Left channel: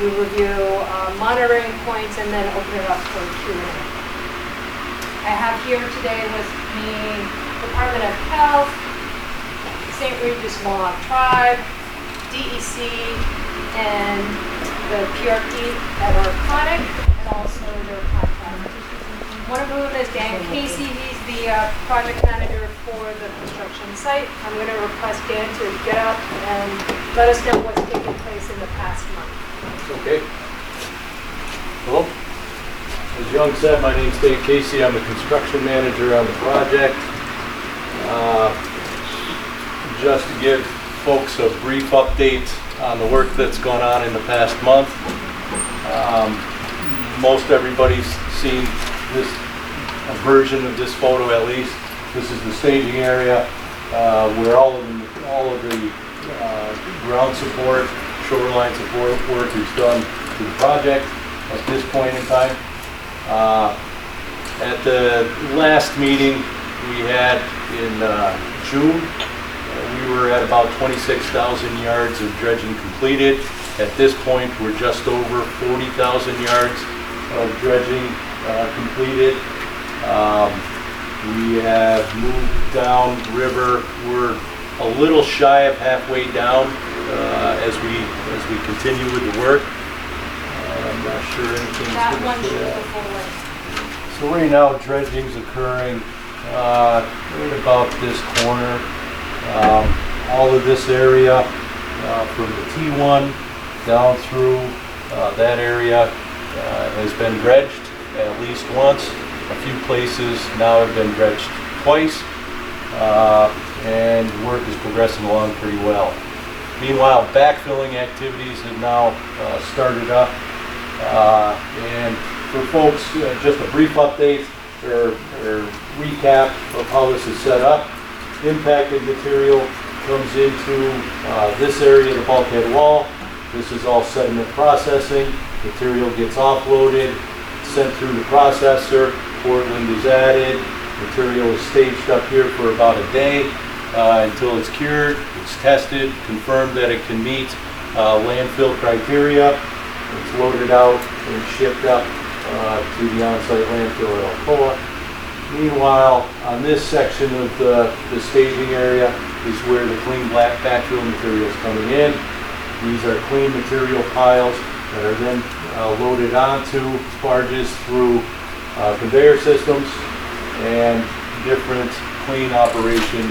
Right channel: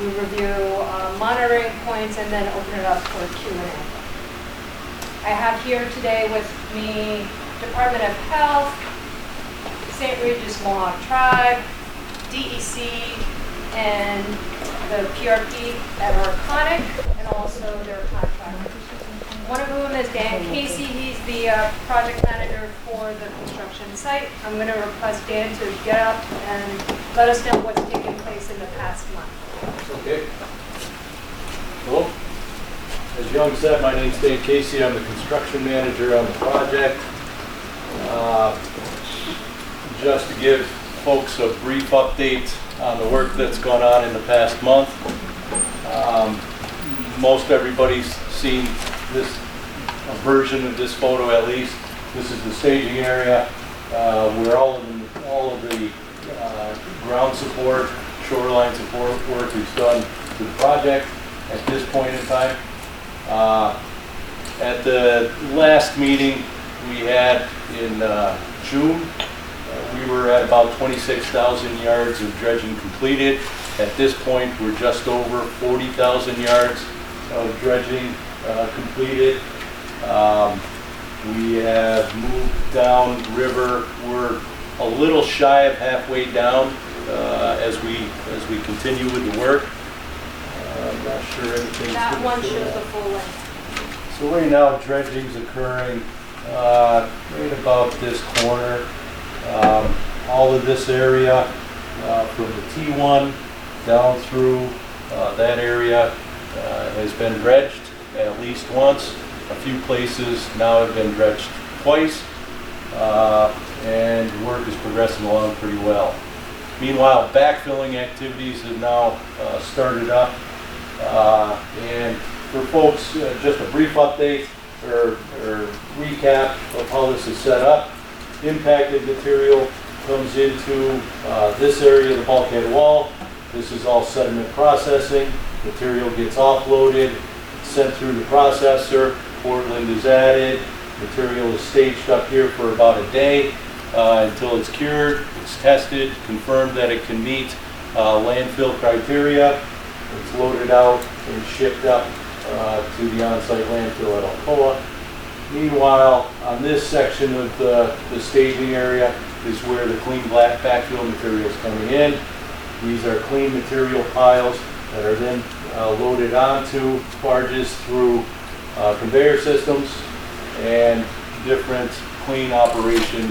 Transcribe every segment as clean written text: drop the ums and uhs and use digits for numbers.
We review monitoring points and then open it up for Q&A. I have here today with me Department of Health, St. Regis Mohawk Tribe, DEC, and the PRP at Arconic, and also their contractor. One of whom is Dan Casey. He's the project manager for the construction site. I'm going to request Dan to get up and let us know what's taken place in the past month. Okay. Hello. As Young said, my name's Dan Casey. I'm the construction manager on the project. Just to give folks a brief update on the work that's gone on in the past month. Most everybody's seen this a version of this photo at least. This is the staging area where all of the ground support, shoreline support work is done to the project at this point in time. At the last meeting we had in June, we were at about 26,000 yards of dredging completed. At this point, we're just over 40,000 yards of dredging completed. We have moved down river. We're a little shy of halfway down as we continue with the work. I'm not sure anything's that one shows the full length. So right now, dredging's occurring right about this corner. All of this area from the T1 down through that area has been dredged at least once. A few places now have been dredged twice, and work is progressing along pretty well. Meanwhile, backfilling activities have now started up, and for folks, just a brief update or recap of how this is set up. Impacted material comes into this area of the bulkhead wall. This is all sediment processing. Material gets offloaded, sent through the processor. Portland is added. Material is staged up here for about a day until it's cured. It's tested, confirmed that it can meet landfill criteria. It's loaded out and shipped up to the on-site landfill at Alcoa. Meanwhile, on this section of the staging area is where the clean black backfill material is coming in. These are clean material piles that are then loaded onto barges through conveyor systems and different clean operation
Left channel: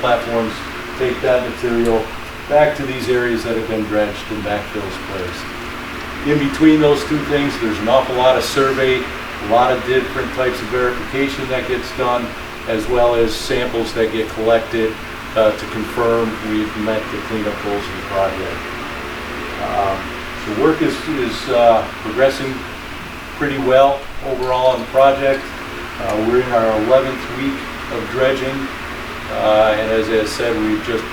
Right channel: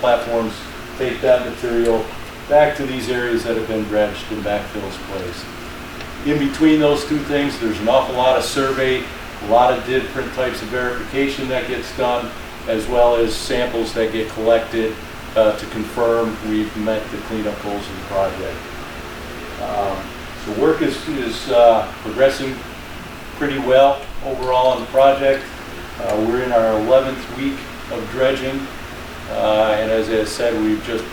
platforms take that material back to these areas that have been dredged and backfills placed. In between those two things, there's an awful lot of survey, a lot of different types of verification that gets done, as well as samples that get collected to confirm we've met the cleanup goals of the project. So work is progressing pretty well overall on the project. We're in our 11th week of dredging, and as I said, we've just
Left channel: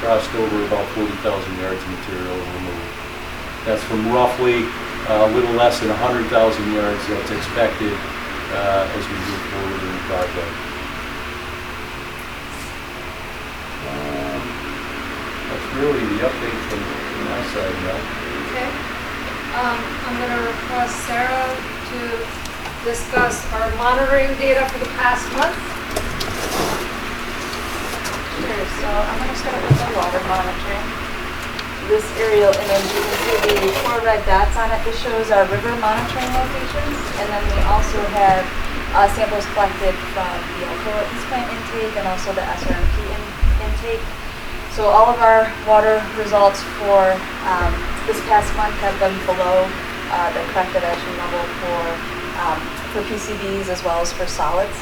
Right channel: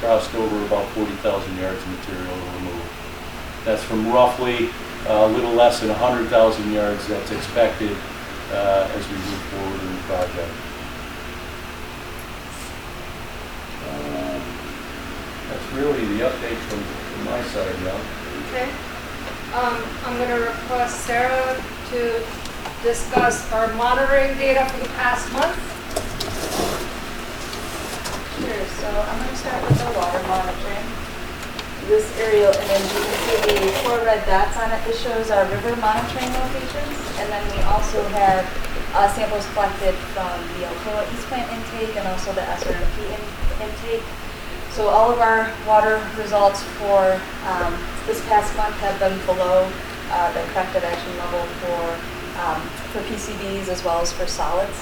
crossed over about 40,000 yards of material removed. That's from roughly a little less than 100,000 yards that's expected as we move forward in the project. That's really the update from my side now. Okay. I'm going to request Sarah to discuss our monitoring data for the past month. Sure, so I'm going to start with the water monitoring. This aerial image, you can see the 4 red dots on it. This shows our river monitoring locations, and then we also have samples collected from the Alcoa East Plant intake and also the SRMP intake. So all of our water results for this past month have been below the corrected action level for PCBs as well as for solids.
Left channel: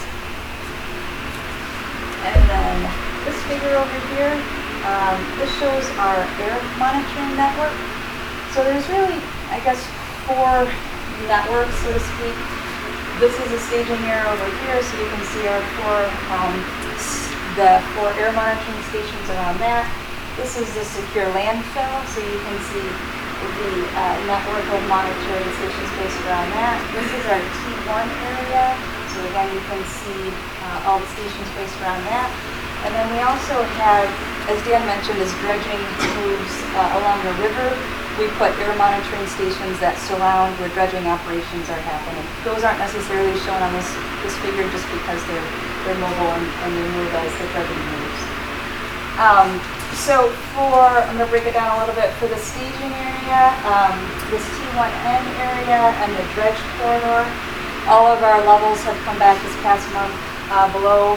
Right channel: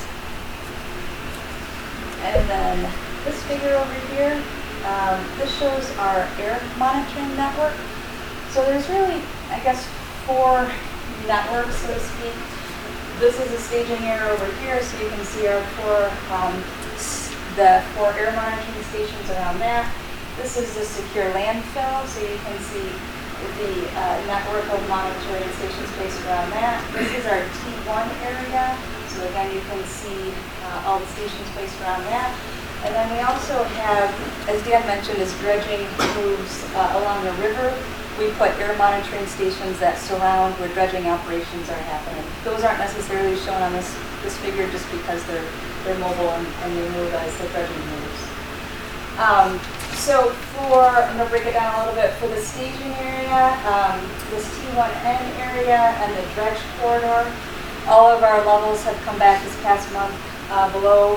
And then this figure over here, this shows our air monitoring network. So there's really, I guess, 4 networks, so to speak. This is a staging area over here, so you can see our 4 air monitoring stations around that. This is the secure landfill, so you can see the network of monitoring stations based around that. This is our T1 area, so again you can see all the stations based around that. And then we also have, as Dan mentioned, as dredging moves along the river, we put air monitoring stations that surround where dredging operations are happening. Those aren't necessarily shown on this figure just because they're mobile and they move as the dredging moves. So I'm going to break it down a little bit for the staging area, this T1N area and the dredge corridor. All of our levels have come back this past month below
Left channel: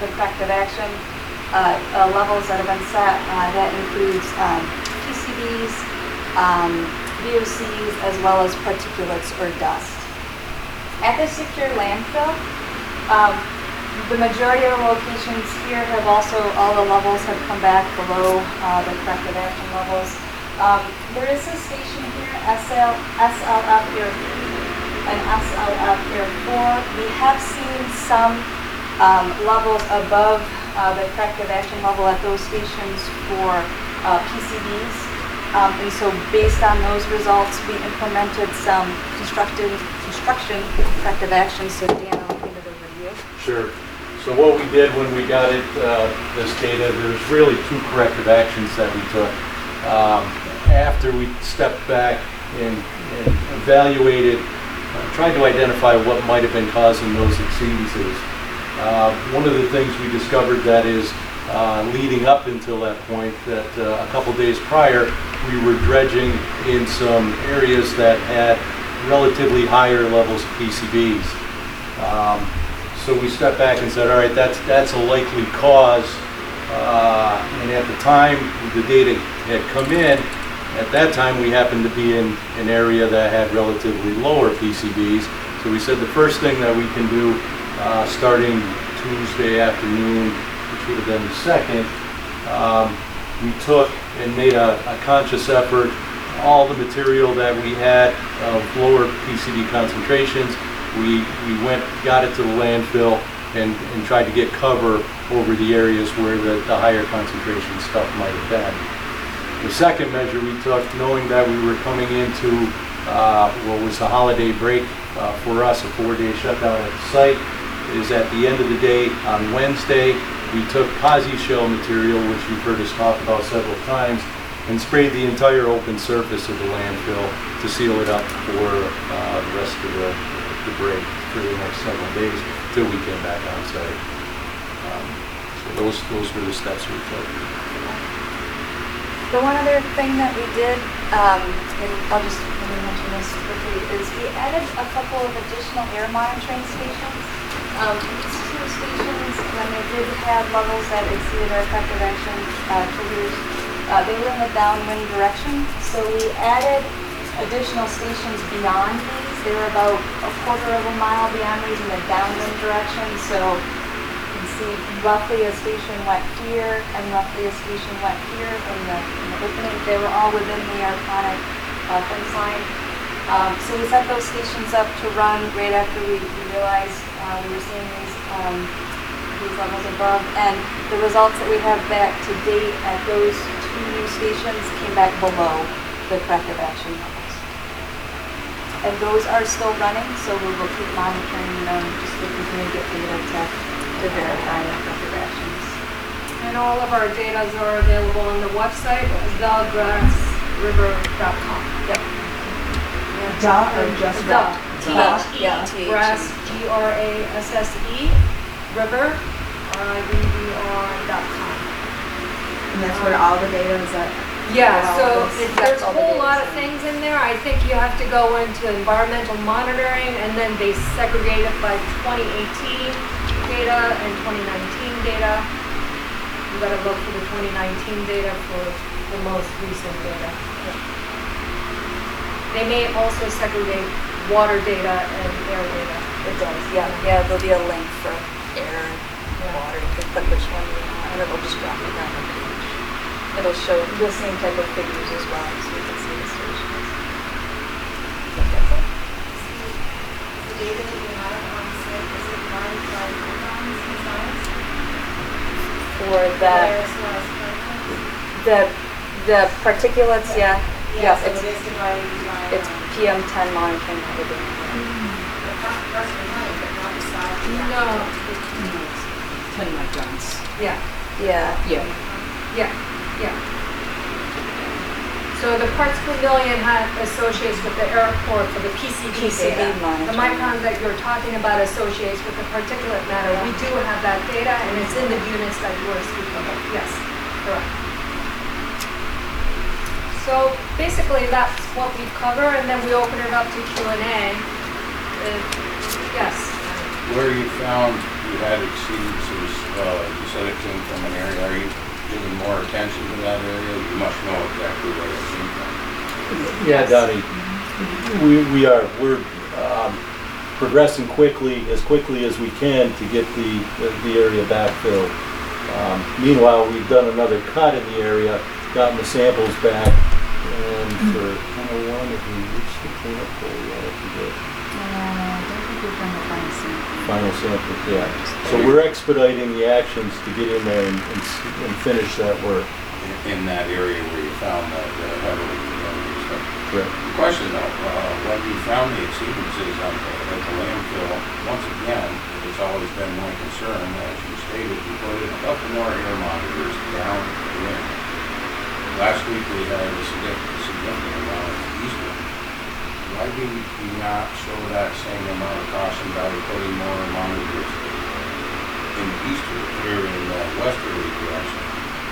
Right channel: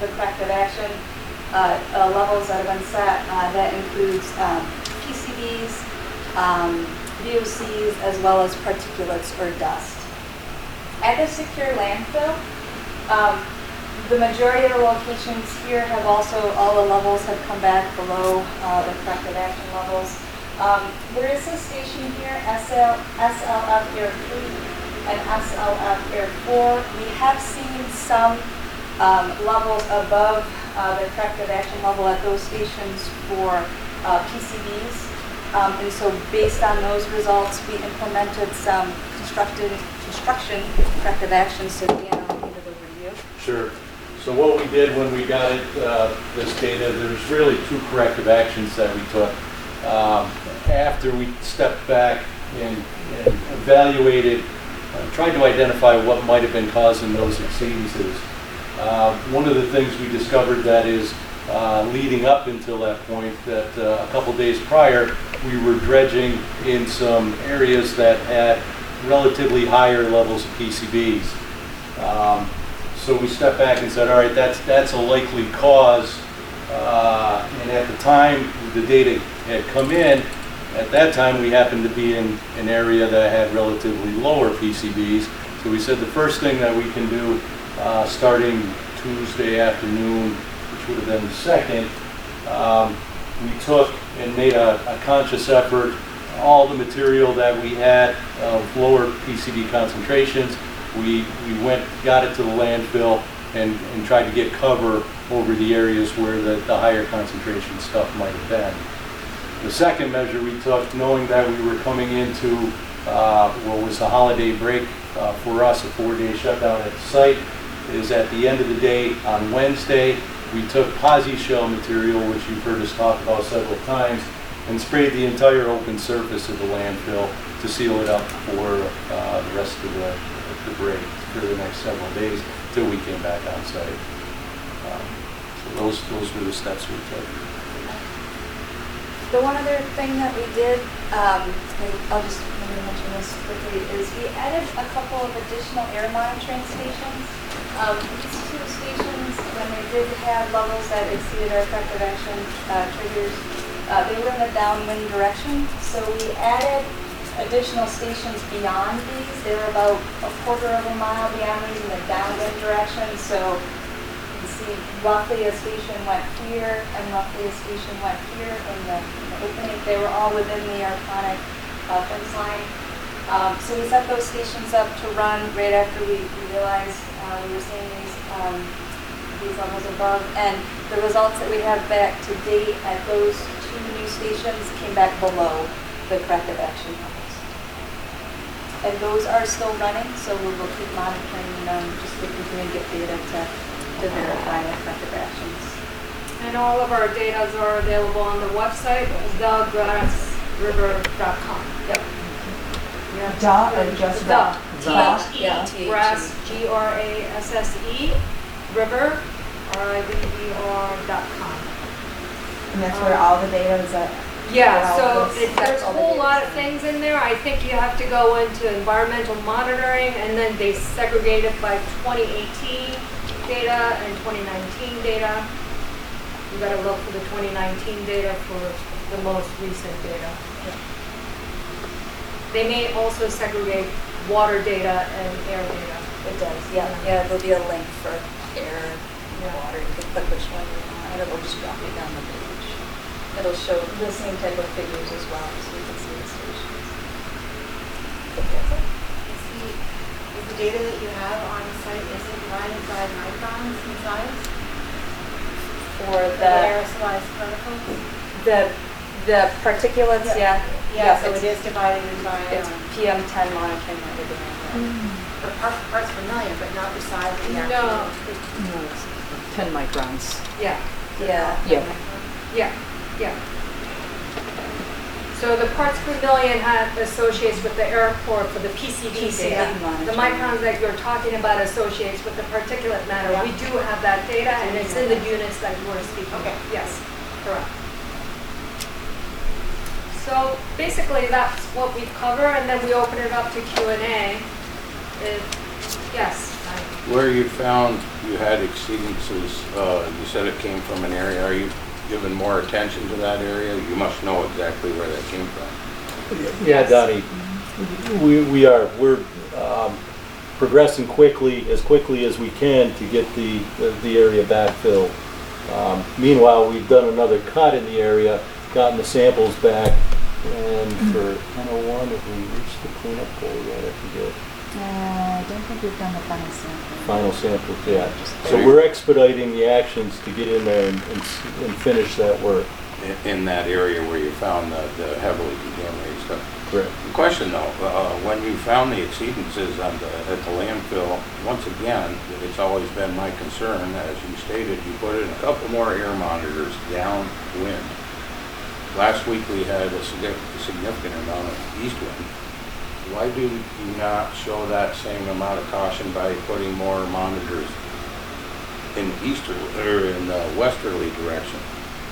the corrective action levels that have been set. That includes PCBs, VOCs, as well as particulates or dust. At the secure landfill, the majority of the locations here have also, all the levels have come back below the corrective action levels. There is a station here, SLF Air 3 and SLF Air 4. We have seen some levels above the corrective action level at those stations for PCBs. And so based on those results, we implemented some construction corrective actions. So Dan, I'll give it over to you. Sure. So what we did when we got this data, there's really two corrective actions that we took. After we stepped back and evaluated, tried to identify what might have been causing those exceedances. One of the things we discovered that is leading up until that point, that a couple days prior, we were dredging in some areas that had relatively higher levels of PCBs. So we stepped back and said, all right, that's a likely cause. And at the time the data had come in, at that time we happened to be in an area that had relatively lower PCBs. So we said the first thing that we can do, starting Tuesday afternoon, which would have been the second, we took and made a conscious effort. All the material that we had of lower PCB concentrations, we went, got it to the landfill and tried to get cover over the areas where the higher concentration stuff might have been. The second measure we took, knowing that we were coming into what was the holiday break for us, a 4-day shutdown at the site, is at the end of the day on Wednesday, we took posi shell material, which you've heard us talk about several times, and sprayed the entire open surface of the landfill to seal it up for the rest of the break for the next several days till we came back on site. So those were the steps we took. The one other thing that we did, and I'll just let me mention this quickly, is we added a couple of additional air monitoring stations. These two stations, when they did have levels that exceeded our corrective action triggers, they were in the downwind direction. So we added additional stations beyond these. They were about a quarter of a mile beyond these in the downwind direction. So you can see roughly a station went here and roughly a station went here in the opening. They were all within the Arconic fence line. So we set those stations up to run right after we realized we were seeing these levels above. And the results that we have back to date at those two new stations came back below the corrective action levels. And those are still running, so we will keep monitoring them just to continue to get data to verify the corrective actions. And all of our data are available on the website, thegrassriver.com. Yep. Duh or just Duh. Yeah. Grasse, Grasse, river, RIVER.com. And that's where all the data is at. Yeah, Wow, so there's a whole lot of things in there. I think you have to go into environmental monitoring, and then they segregate it by 2018 data and 2019 data. You gotta look for the 2019 data for the most recent data. They may also segregate water data and air data. It does, yeah. Yeah, there'll be a link for air and water. You can click which one you want, and it'll just drop you down the page. It'll show the same type of figures as well, so you can see the stations. That's it. Is the data that you have on site, is it provided by icons and signs? For the Aerosolized particles? the particulates, yeah. Yeah, Yes, so it is divided by, it's PM10 monitoring that we're doing. the parts per million, but not the size of the No. actual. 10 microns. Yeah, Yeah. Yeah. yeah, yeah. So the parts per million associates with the airport for the PCB data. The microns that you're talking about associates with the particulate matter. We do have that data, and it's in the units that you were speaking of. Yes, correct. So basically, that's what we cover, and then we open it up to Q&A. Yes. Where you found you had exceedances, you said it came from an area. Are you giving more attention to that area? You must know exactly where it came from. Yeah, Donnie, we are. We're progressing as quickly as we can to get the area backfilled. Meanwhile, we've done another cut in the area, gotten the samples back, and for 101, have we reached the cleanup goal yet? If we did. I don't think we've done the final sample. Final samples, yeah. So we're expediting the actions to get in there and finish that work. In that area where you found that heavily contaminated stuff. Correct. The question though, when you found the exceedances at the landfill, once again, it's always been my concern, as you stated, you put in a couple more air monitors downwind. Last week we had a significant amount of east wind. Why do you not show that same amount of caution by putting more monitors in the easterly or in the westerly direction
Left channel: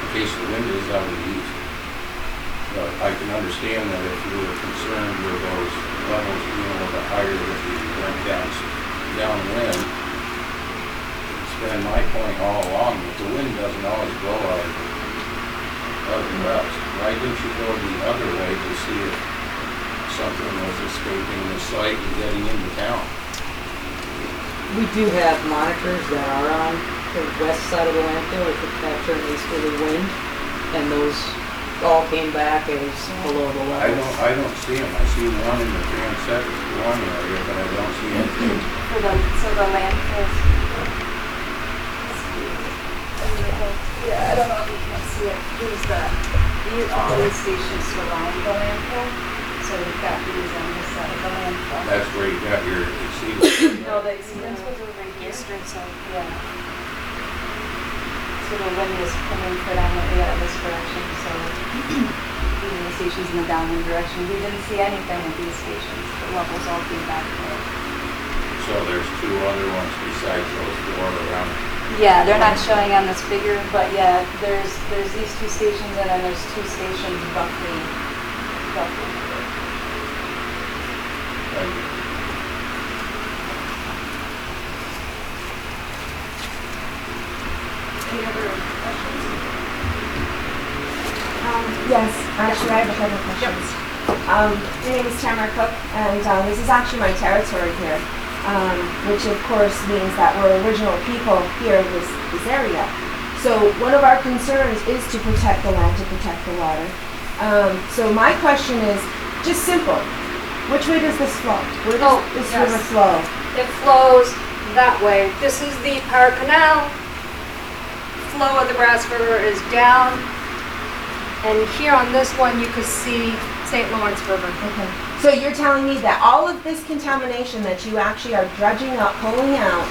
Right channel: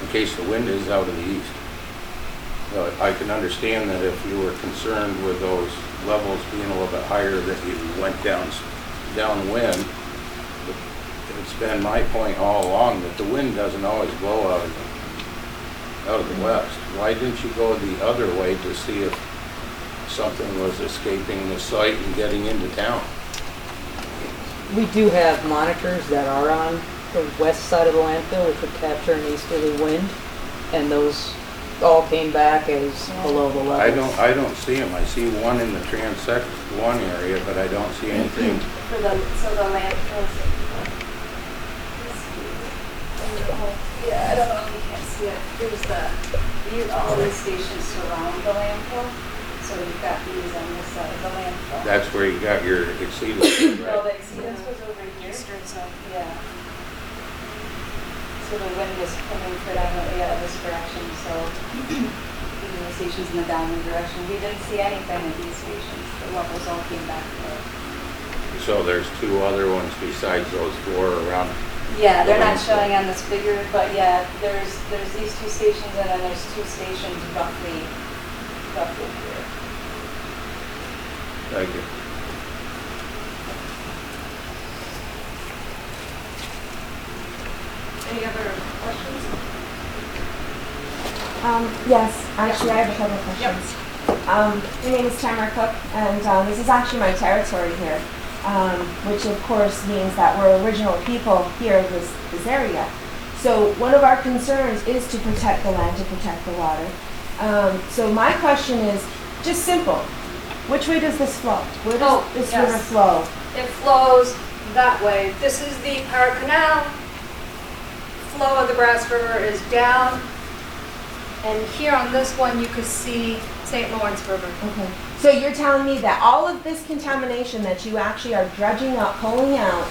in case the wind is out of the east? I can understand that if you were concerned with those levels being a little bit higher, that you went downwind. It's been my point all along that the wind doesn't always blow out of the west. Why didn't you go the other way to see if something was escaping the site and getting into town? We do have monitors that are on the west side of the landfill which would capture an easterly wind, and those all came back as below the levels. I don't see them. I see one in the transect one area, but I don't see anything. So the landfill. Yeah, I don't know if you can see it. All these stations surround the landfill. So we've got these on this side of the landfill. That's where you got your exceedance. No, the exceedance was over here. So, yeah. So the wind is coming predominantly out of this direction, so even the stations in the downwind direction, we didn't see anything at these stations. The levels all came back there. So there's two other ones besides those four around. Yeah, they're not showing on this figure, but yeah, there's these two stations and then there's two stations roughly here. Thank you. Any other questions? Yes, actually I have a couple questions. My name is Tamara Cook, and this is actually my territory here, which of course means that we're original people here in this area. So one of our concerns is to protect the land, to protect the water. So my question is just simple. Which way does this flow? Where does this river flow? It flows that way. This is the Power Canal. Flow of the Grasse River is down. And here on this one, you can see St. Lawrence River. Okay. So you're telling me that all of this contamination that you actually are dredging up, pulling out,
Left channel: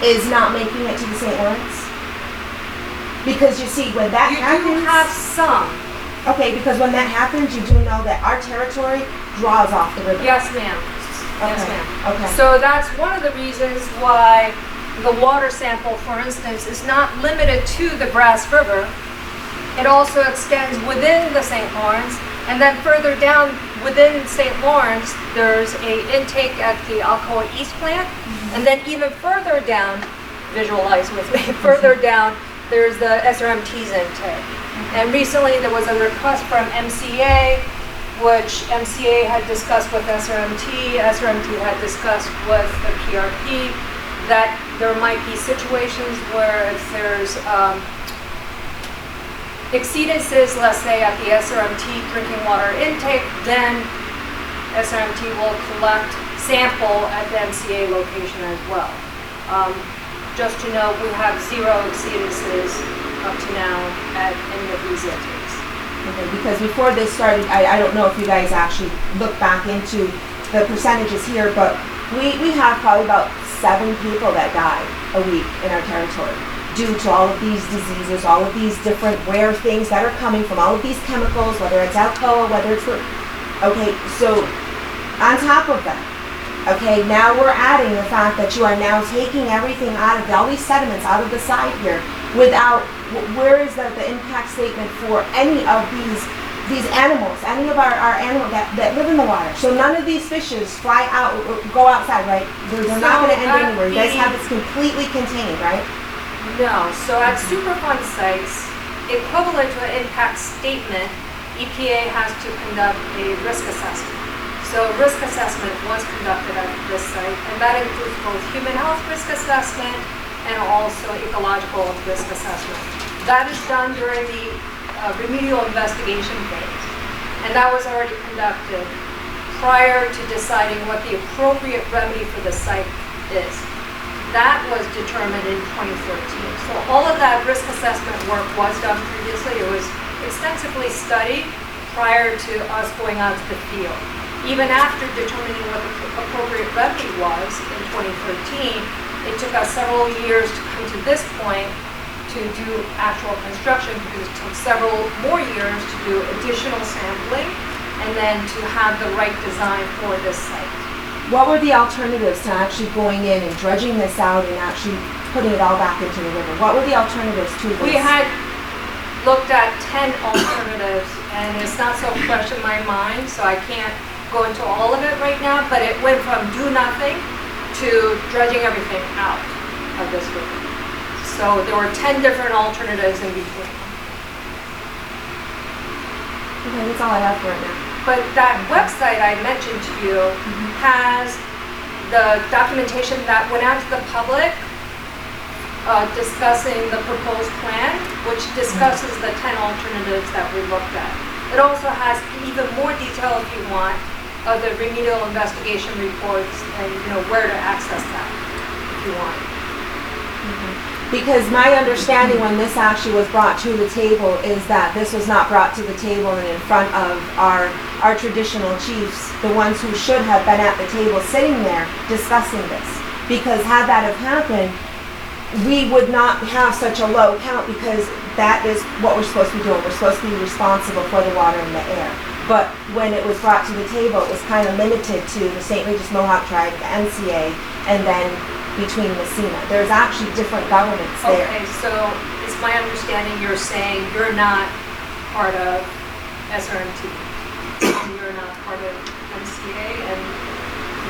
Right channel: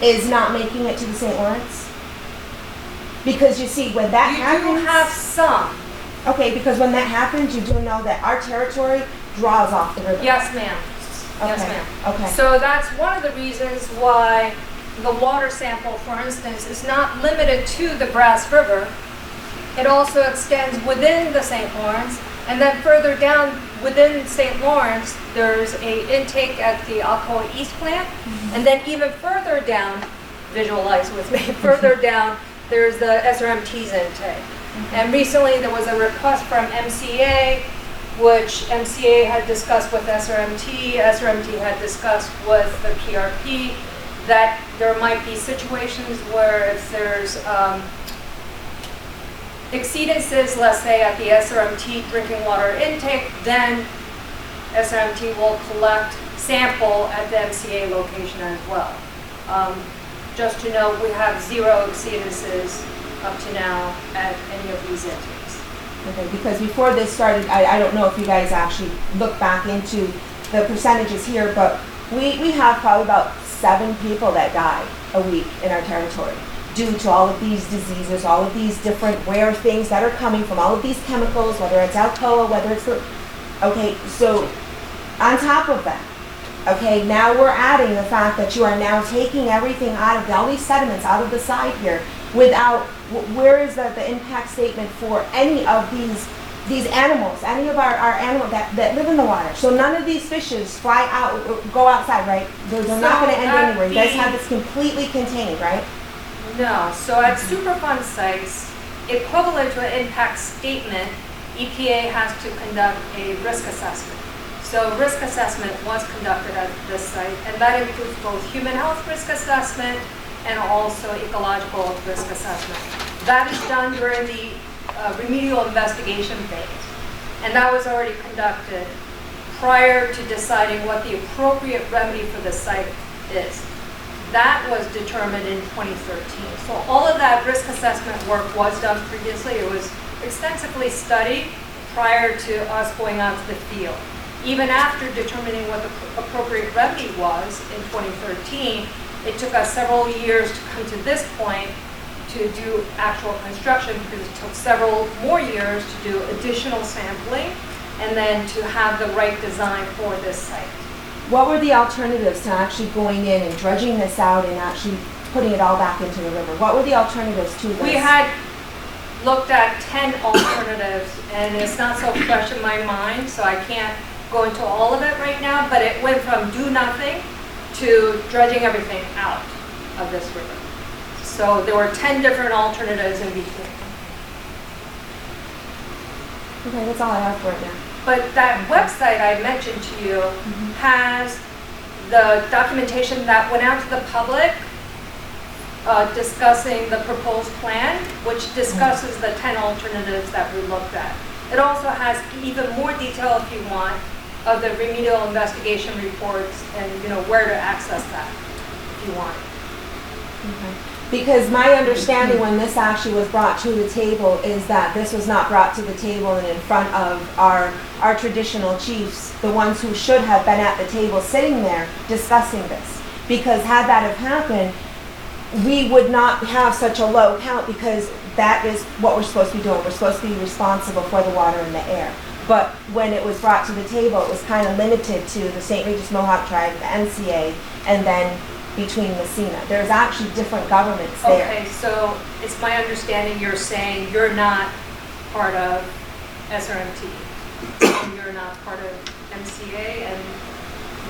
is not making it to the St. Lawrence? Because you see, when that happens... You do have some. Okay, because when that happens, you do know that our territory draws off the river. Yes, ma'am. Yes, Okay, ma'am. okay. So that's one of the reasons why the water sample, for instance, is not limited to the Grasse River. It also extends within the St. Lawrence, and then further down within St. Lawrence, there's a intake at the Alcoa East plant, and then even further down, visualize with me, further down, there's the SRMT's intake. And recently there was a request from MCA, which MCA had discussed with SRMT had discussed with the PRP, that there might be situations where if there's exceedances, let's say at the SRMT drinking water intake, then SRMT will collect sample at the MCA location as well. Just to note, we have 0 exceedances up to now at any of these intakes. Okay, because before this started, I don't know if you guys actually look back into the percentages here, but we have probably about 7 people that die a week in our territory due to all of these diseases, all of these different rare things that are coming from all of these chemicals, whether it's Alcoa, whether it's okay, so on top of that, okay, now we're adding the fact that you are now taking everything out of all these sediments out of the side here without, where is the impact statement for any of these animals, any of our animals that live in the water? So none of these fishes fly out, go outside, right? They're not going to end anywhere. You guys have this completely contained, right? No, so at Superfund sites, equivalent to an impact statement, EPA has to conduct a risk assessment. So risk assessment was conducted at this site, and that includes both human health risk assessment and also ecological risk assessment. That is done during the remedial investigation phase, and that was already conducted prior to deciding what the appropriate remedy for the site is. That was determined in 2013. So all of that risk assessment work was done previously. It was extensively studied prior to us going out to the field. Even after determining what the appropriate remedy was in 2013, it took us several years to come to this point to do actual construction, because it took several more years to do additional sampling and then to have the right design for this site. What were the alternatives to actually going in and dredging this out and actually putting it all back into the river? What were the alternatives to this? We had looked at 10 alternatives, and it's not so fresh in my mind, so I can't go into all of it right now, but it went from do nothing to dredging everything out of this river. So there were 10 different alternatives in between. Okay, that's all I have for right now. But that website I mentioned to you has the documentation that went out to the public discussing the proposed plan, which discusses the 10 alternatives that we looked at. It also has even more detail, if you want, of the remedial investigation reports and where to access that if you want. Because my understanding when this actually was brought to the table is that this was not brought to the table and in front of our traditional chiefs, the ones who should have been at the table sitting there discussing this. Because had that have happened, we would not have such a low count, because that is what we're supposed to be doing. We're supposed to be responsible for the water and the air. But when it was brought to the table, it was kind of limited to the St. Regis Mohawk tribe, the NCA, and then between Messina. There's actually different governments there. Okay, so it's my understanding you're saying you're not part of SRMT. You're not part of MCA, and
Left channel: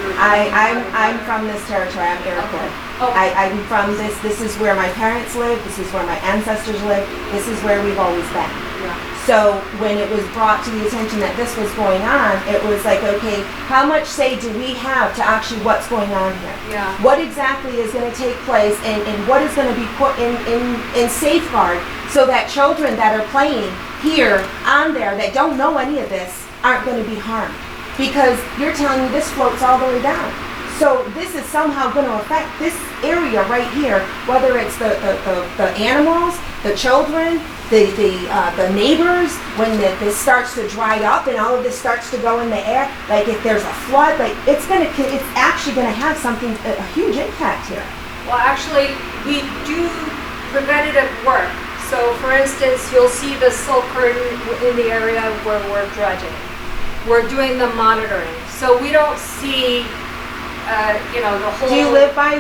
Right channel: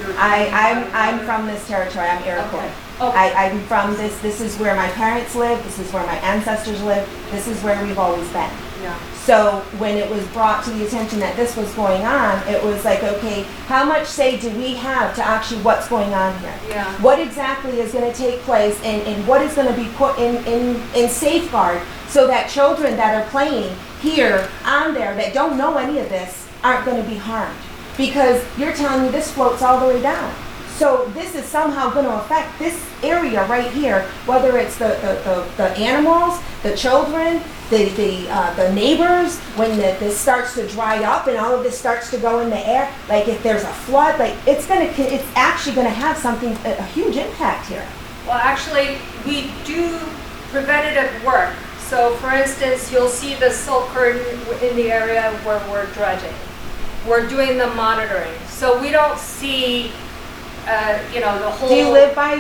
you're... I'm from this territory. I'm Iroquois. Okay. I'm from this. This is where my parents live. This is where my ancestors live. This is where we've always been. Yeah. So when it was brought to the attention that this was going on, it was like, okay, how much say do we have to actually what's going on here? Yeah. What exactly is going to take place, and what is going to be put in safeguard so that children that are playing here on there that don't know any of this aren't going to be harmed? Because you're telling me this floats all the way down. So this is somehow going to affect this area right here, whether it's the animals, the children, the neighbors, when this starts to dry up and all of this starts to go in the air, like if there's a flood, like it's actually gonna have something, a huge impact here. Well, actually, we do preventative work. So for instance, you'll see the silt curtain in the area where we're dredging. We're doing the monitoring. So we don't see, the whole... Do you live by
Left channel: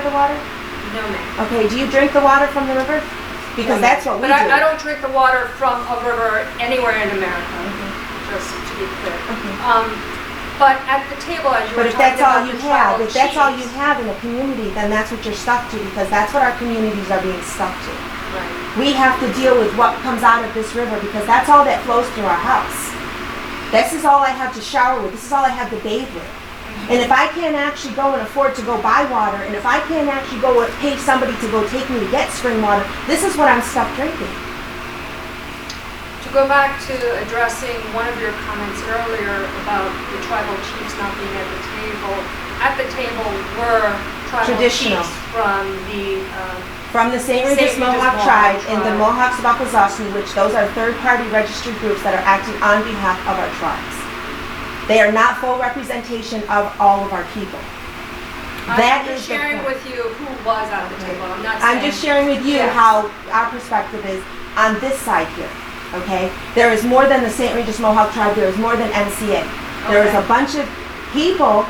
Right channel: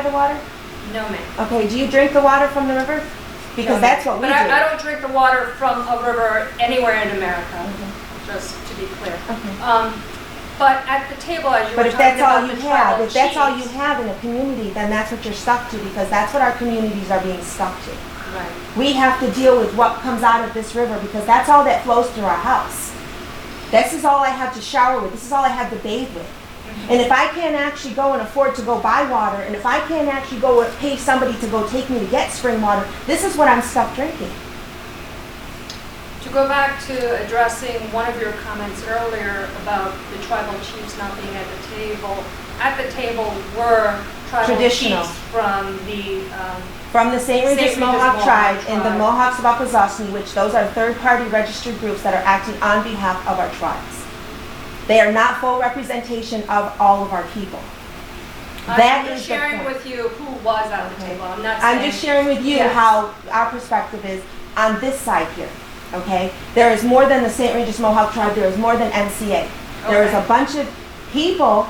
the water? No, ma'am. Okay, do you drink the water from the river? Because that's what we do. But I don't drink the water from a river anywhere in America, just to be clear. But at the table, as you were But if talking that's all about you the have, tribal if that's all you chiefs. have in a community, then that's what you're stuck to, because that's what our communities are being stuck to. Right. We have to deal with what comes out of this river, because that's all that flows through our house. This is all I have to shower with. This is all I have to bathe with. And if I can't actually go and afford to go buy water, and if I can't actually go and pay somebody to go take me to get spring water, this is what I'm stuck drinking. To go back to addressing one of your comments earlier about the tribal chiefs not being at the table were tribal Traditional. chiefs from From the St. Regis Mohawk tribe and the Mohawks of Akwesasne, which those are third-party registered groups that are acting on behalf of our tribes. They are not full representation of all of our people. That I'm is just the sharing point. with you who was at the table. I'm not I'm saying. just sharing with you Yes. how our perspective is on this side here, okay? There is more than the St. Regis Mohawk tribe, there is more than NCA. There is a Okay. bunch of people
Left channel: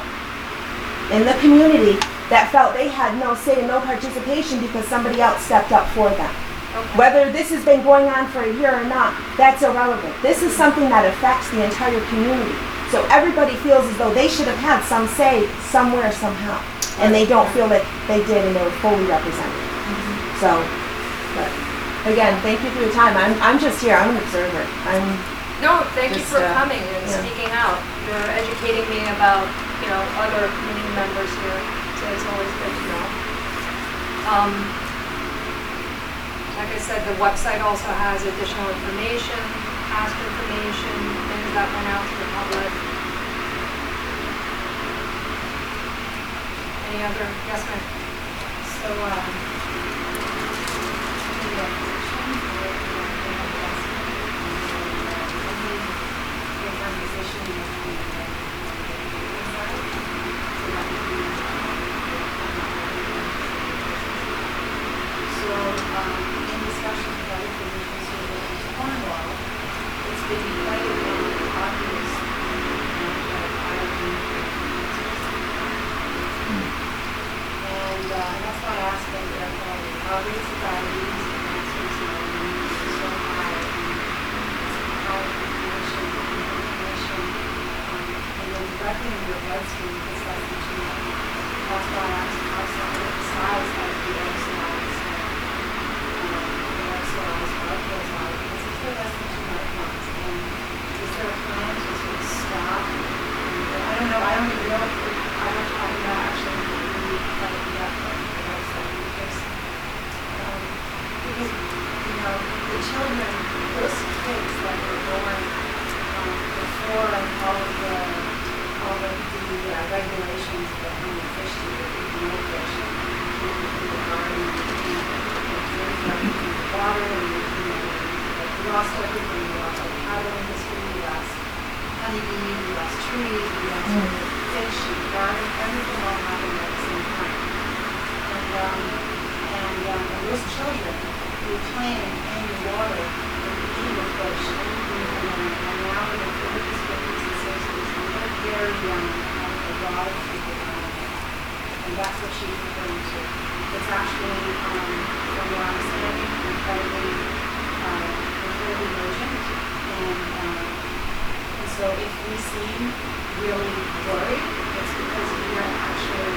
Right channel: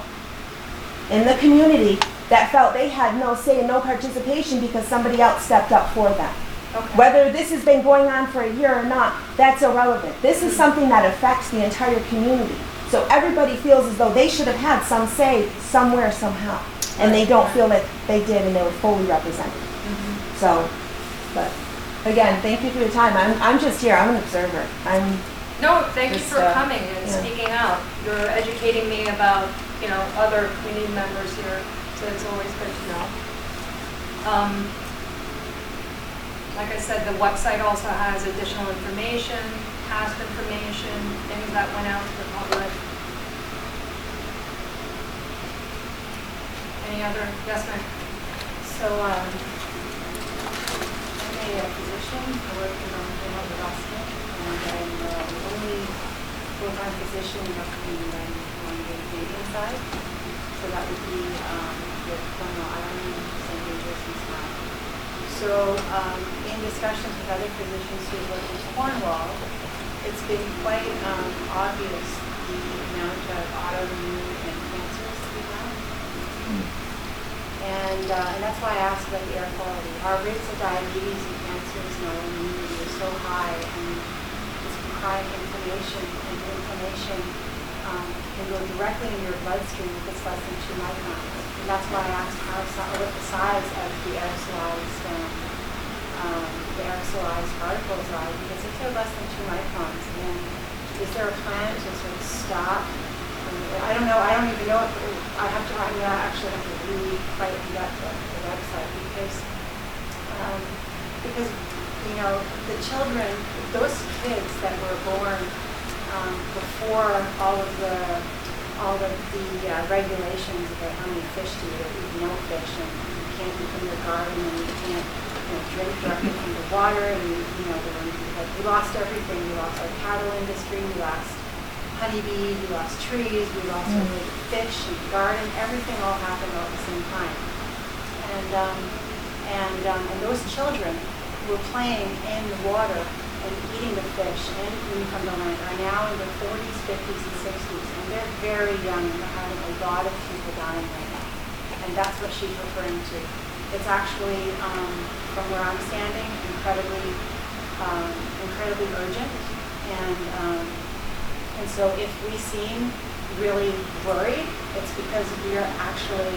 in the community that felt they had no say and no participation because somebody else stepped up for them. Okay. Whether this has been going on for a year or not, that's irrelevant. This is something that affects the entire community. So everybody feels as though they should have had some say somewhere, somehow. And they don't feel that they did and they were fully represented. So, but again, thank you for your time. I'm just here, I'm an observer. No, thank you Just, for coming and yeah. speaking out. You're educating me about, other community members here, so it's always good to know. Like I said, the website also has additional information, past information, things that went out to the public. Any other, yes, ma'am? So, I made a position for the investment, and then the only full-time position was the dredging side, so that would be the So, in discussions with other physicians who work in Cornwall, it's been quite obvious the amount of allergy and cancers to be found. And that's why I asked about the air quality. Our rates of diabetes and cancers now in the community are so high, and it's high inflammation. When you're directly in your bloodstream, it's less than 2 microns. And that's why I asked what the size of the aerosolized particles are, because if they're less than 2 microns, and is there a plan to sort of stop? I don't know. I don't even know. I have to actually really fight the website because the children, those kids that were born before all of the regulations about how many fish to eat, no fish, and you can't eat from the garden, and you can't drink directly from the water, and we lost everything. We lost our cattle industry, we lost honeybees, we lost trees, we lost fish and garden, everything all happened at the same time. And those children who were playing in the water and eating the fish and eating from the land are now in their 40s, 50s, and 60s, and they're very young and having a lot of people dying like that. And that's what she's referring to. It's actually, from where I'm standing, incredibly urgent. And so if we seem really worried, it's because we are actually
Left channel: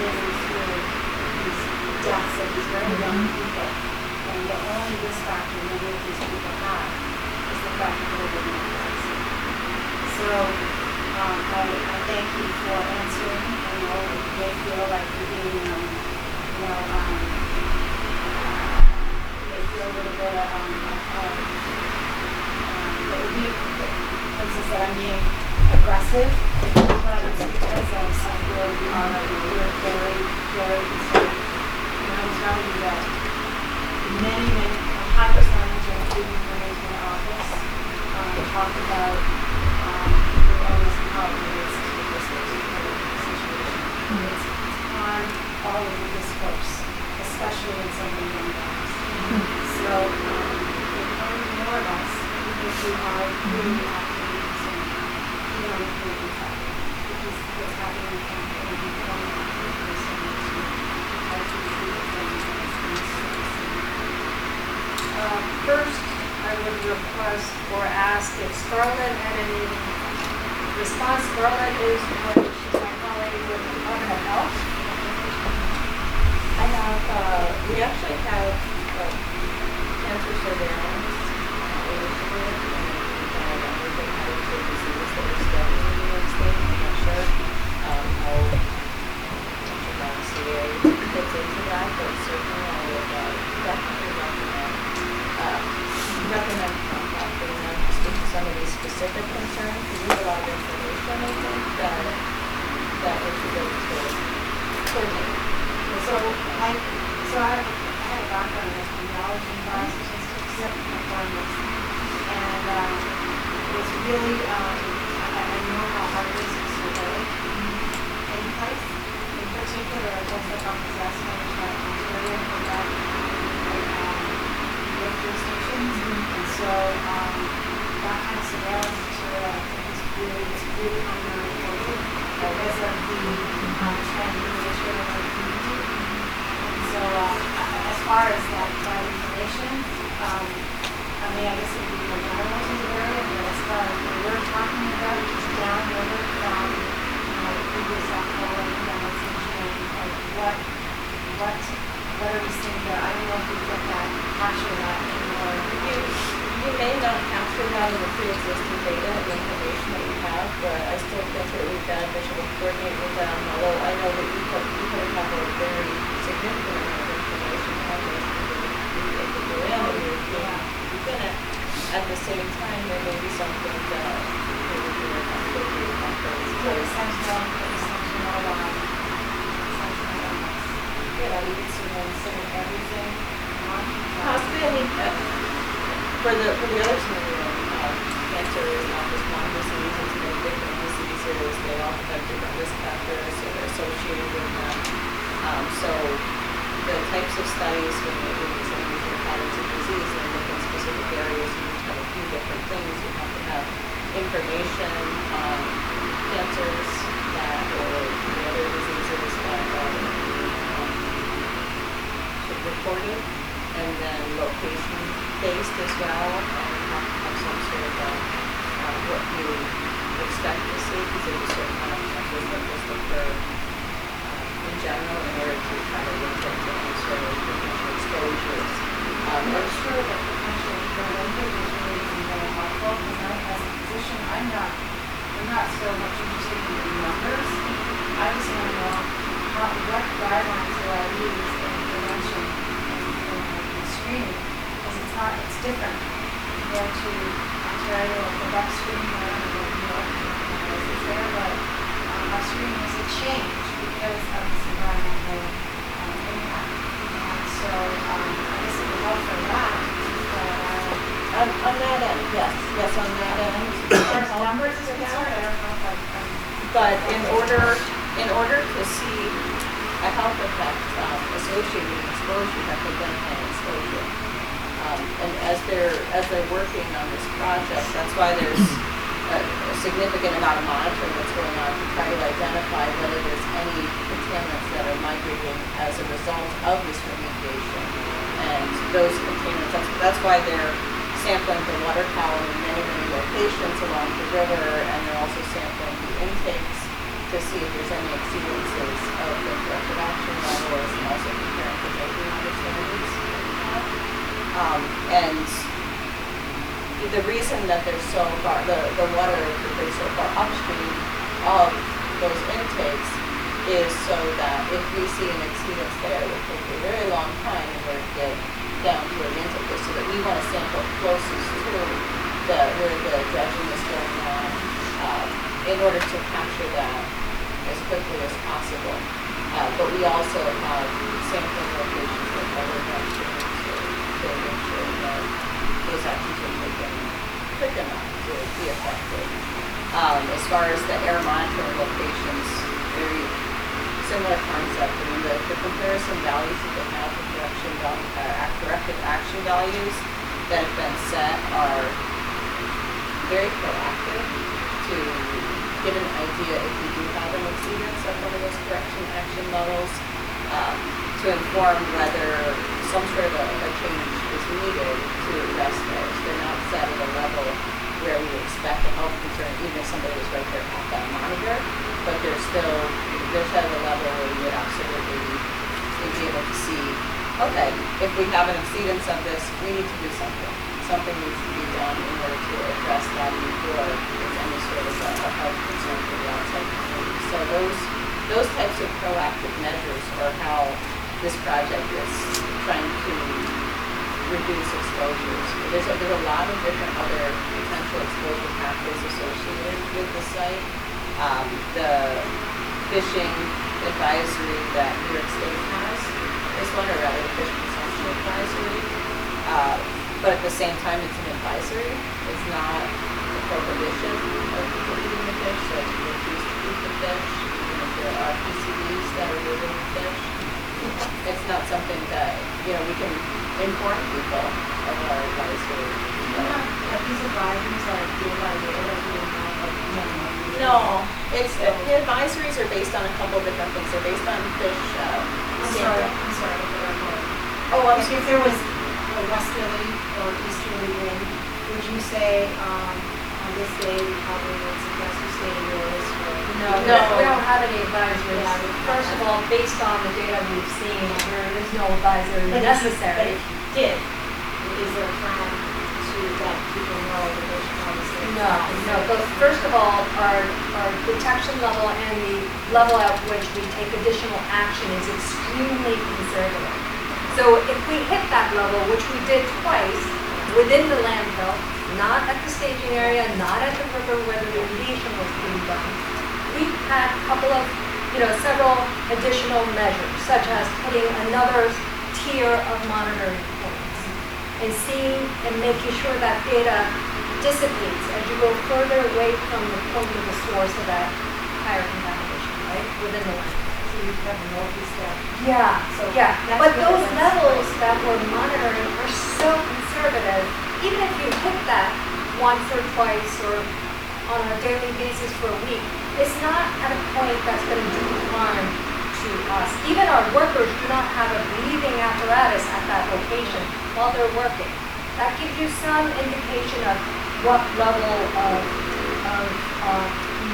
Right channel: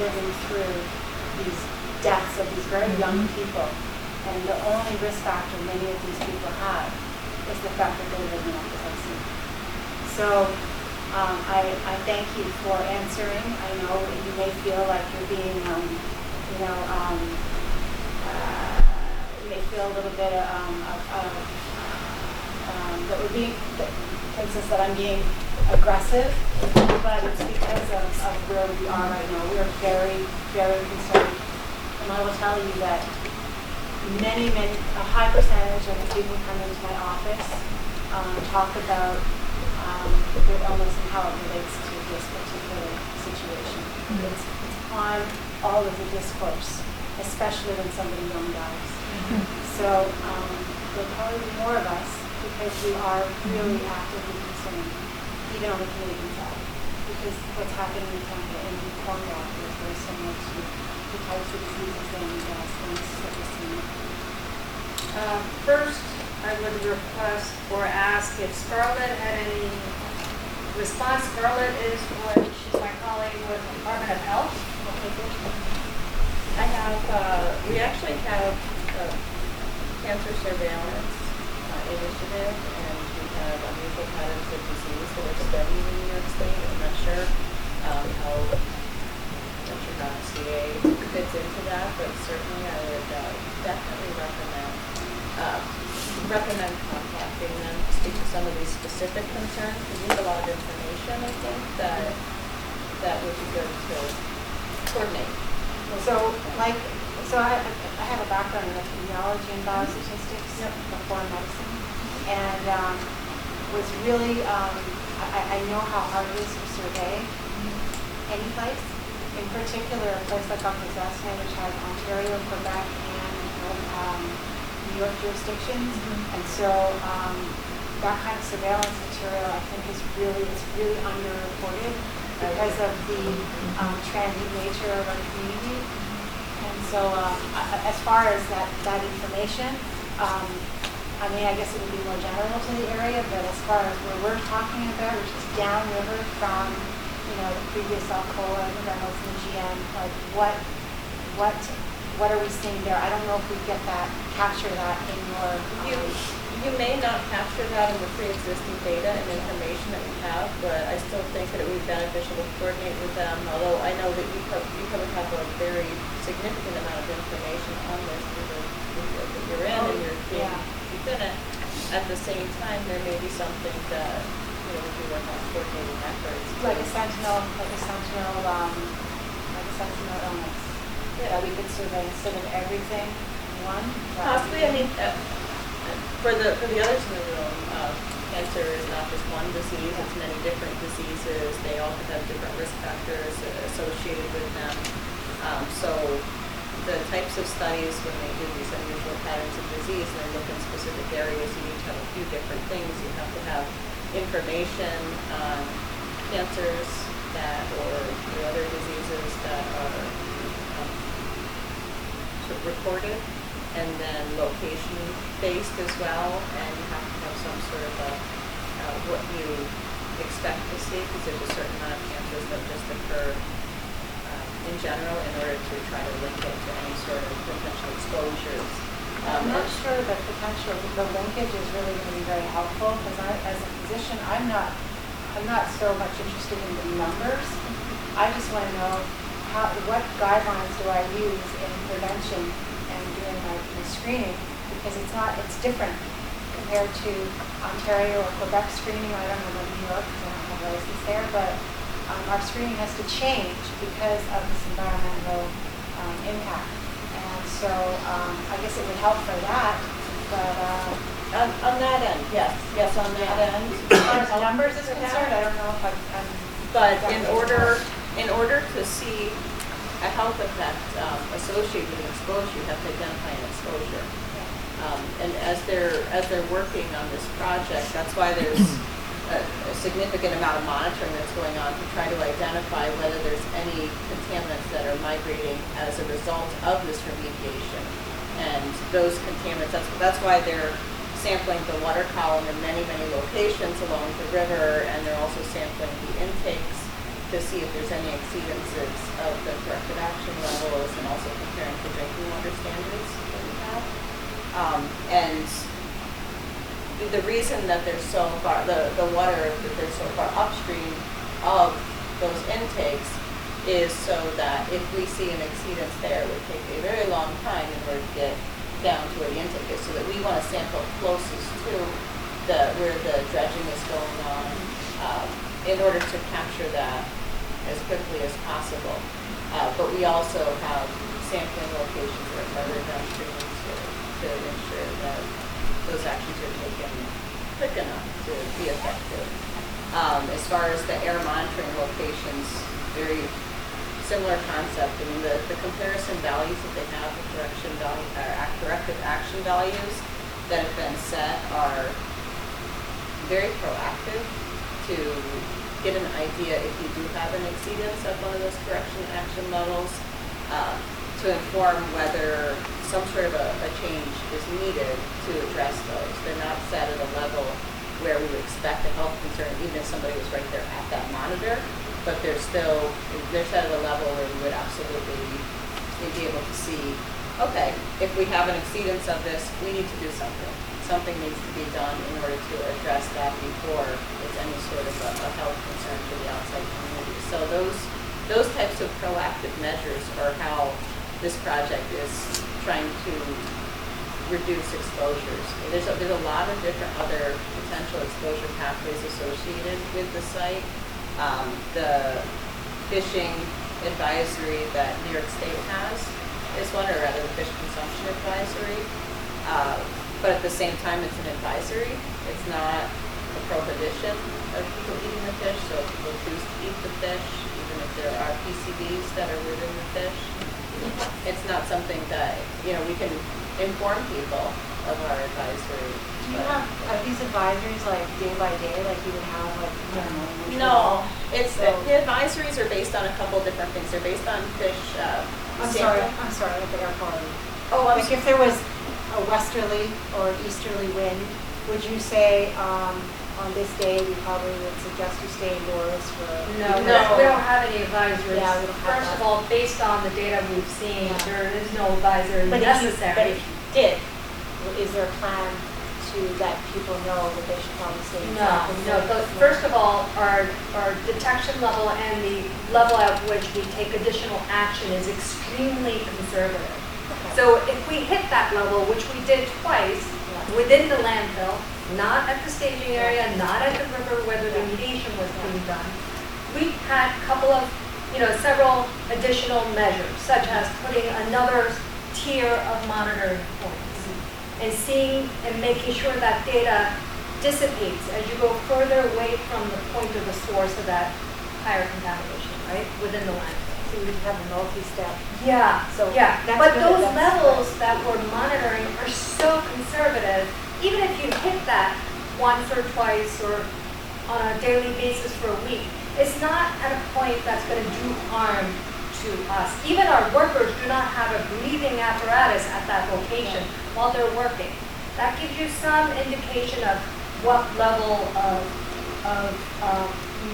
living through these deaths of these very young people. And the only risk factor many of these people have is the fact that they're living off the vaccine. So I thank you for answering. I know you may feel like you're being, you may feel a little bit that would be, for instance, that I'm being aggressive, but it's because of where we are right now. We're very, very concerned. And I will tell you that a high percentage of people come into my office talk about their illness and how it relates to this particular situation. It's on all of the discourse, especially when somebody young dies. So there are more of us because we are really actively concerned, even on the Canadian side, because what's happening in Canada and in Cornwall is very similar to how to treat the things as things that we're seeing. First, I would request or ask if Scarlett had any response. Scarlett is she's my colleague with the Department of Health. I have, we actually have cancer surveillance initiative, and we have unusual patterns of disease that are studied in New York State. I'm not sure how CA fits into that, but certainly I would definitely recommend contacting them to speak to some of these specific concerns, because we have a lot of information, I think, that we should be able to coordinate. So I have a background in epidemiology and biostatistics, performance, and it's really, I know how hard it is to survey any place, in particular, a place like Akwesasne, which has Ontario, Quebec, and New York jurisdictions. And so that kind of surveillance material, I think, is really underreported because of the transient nature of our community. And so as far as that information, I mean, I guess it would be more general to the area, but as far as what we're talking about, which is downriver from, the previous Alcoa and Dallas and GM, like what are we seeing there? I don't know if we get that, capture that in your. You may not capture that in the pre-existing data and information that you have, but I still think that it would be beneficial to coordinate with them, although I know that you probably have a very significant amount of information on this that you're in and you're within it. At the same time, there may be something that would be like on coordinating efforts. Like a sentinel on this. Yeah, we could sort of everything in one. Possibly, I mean, for the other scenario, cancer is not just one disease, it's many different diseases. They all have different risk factors that are associated with them. So the types of studies when they do these unusual patterns of disease and look in specific areas, you need to have a few different things. You have to have information on cancers or the other diseases that are reported, and then location-based as well, and you have to have some sort of what you expect to see, because there's a certain amount of cancers that just occur in general in order to try to look at any sort of potential exposures. I'm not sure that the linkage is really very helpful, because as a physician, I'm not so much interested in the numbers. I just want to know what guidelines do I use in prevention and in screening, because it's different compared to Ontario or Quebec screening. I don't know what New York is there, but our screening has to change because of this environmental impact. And so I guess it would help for that, but on that end, yes, on that end. as far as numbers is concerned, I don't know if I'm but in order to see a health effect associated with exposure, you have to identify an exposure. And as they're working on this project, that's why there's a significant amount of monitoring that's going on to try to identify whether there's any contaminants that are migrating as a result of this remediation. And those contaminants, that's why they're sampling the water column in many locations along the river, and they're also sampling the intakes to see if there's any exceedances of the corrective action levels, and also comparing to drinking water standards that we have. And the reason that they're so far, the water that they're so far upstream of those intakes is so that if we see an exceedance there, it would take a very long time in order to get down to where the intake is, so that we want to sample closest to where the dredging is going on in order to capture that as quickly as possible. But we also have sampling locations with other downstream to make sure that those actions are taken quick enough to be effective. As far as the air monitoring locations, very similar concept. I mean, the comparison values that they have, the corrective action values that have been set are very proactive to get an idea if we do have an exceedance of one of those correction action levels, to inform whether some sort of a change is needed to address those. They're not set at a level where we would expect a health concern, even if somebody was right there at that monitor, but they're set at a level where we would absolutely be able to see, okay, if we have an exceedance of this, we need to do something. Something needs to be done in order to address that before there's any sort of a health concern for the outside community. So those types of proactive measures are how this project is trying to reduce exposures. There's a lot of different other potential exposure pathways associated with the site. The fishing advisory that New York State has is one, or rather the fish consumption advisory. But at the same time, it's an advisory. It's not a prohibition of people eating the fish, so it's choose to keep the fish, even if there are PCBs that are moving the fish. It's not something that, we can inform people of our advisory. Are these advisories like day by day, like you would have like? No, the advisories are based on a couple different things. They're based on fish I'm sampling. sorry, what they're calling. Oh, Like if there was a westerly or easterly wind, would you say, on this day, we probably would suggest you stay indoors for? No, No. we don't have any advisories. Yeah, we don't have First of that. all, based on the data we've seen, there is no advisory But necessary. if you did, is there a plan to let people know that they should probably stay No, inside? but first of all, our detection level and the level at which we take additional action is extremely conservative. So if we hit that level, which we did twice, within the landfill, not at the staging area, not at the river where the remediation was being done, we had a couple of, several additional measures, such as putting another tier of monitoring points and seeing and making sure that data dissipates as you go further away from the point of the source of that higher contamination, right, within the landfill. So you have a northeast step. Yeah, So yeah, that's but good, those that's levels that we're monitoring are so conservative, even if you hit that once or twice or on a daily basis for a week, it's not at a point that's gonna do harm to us. Even our workers do not have a breathing apparatus at that location while they're working. That gives you some indication of what level of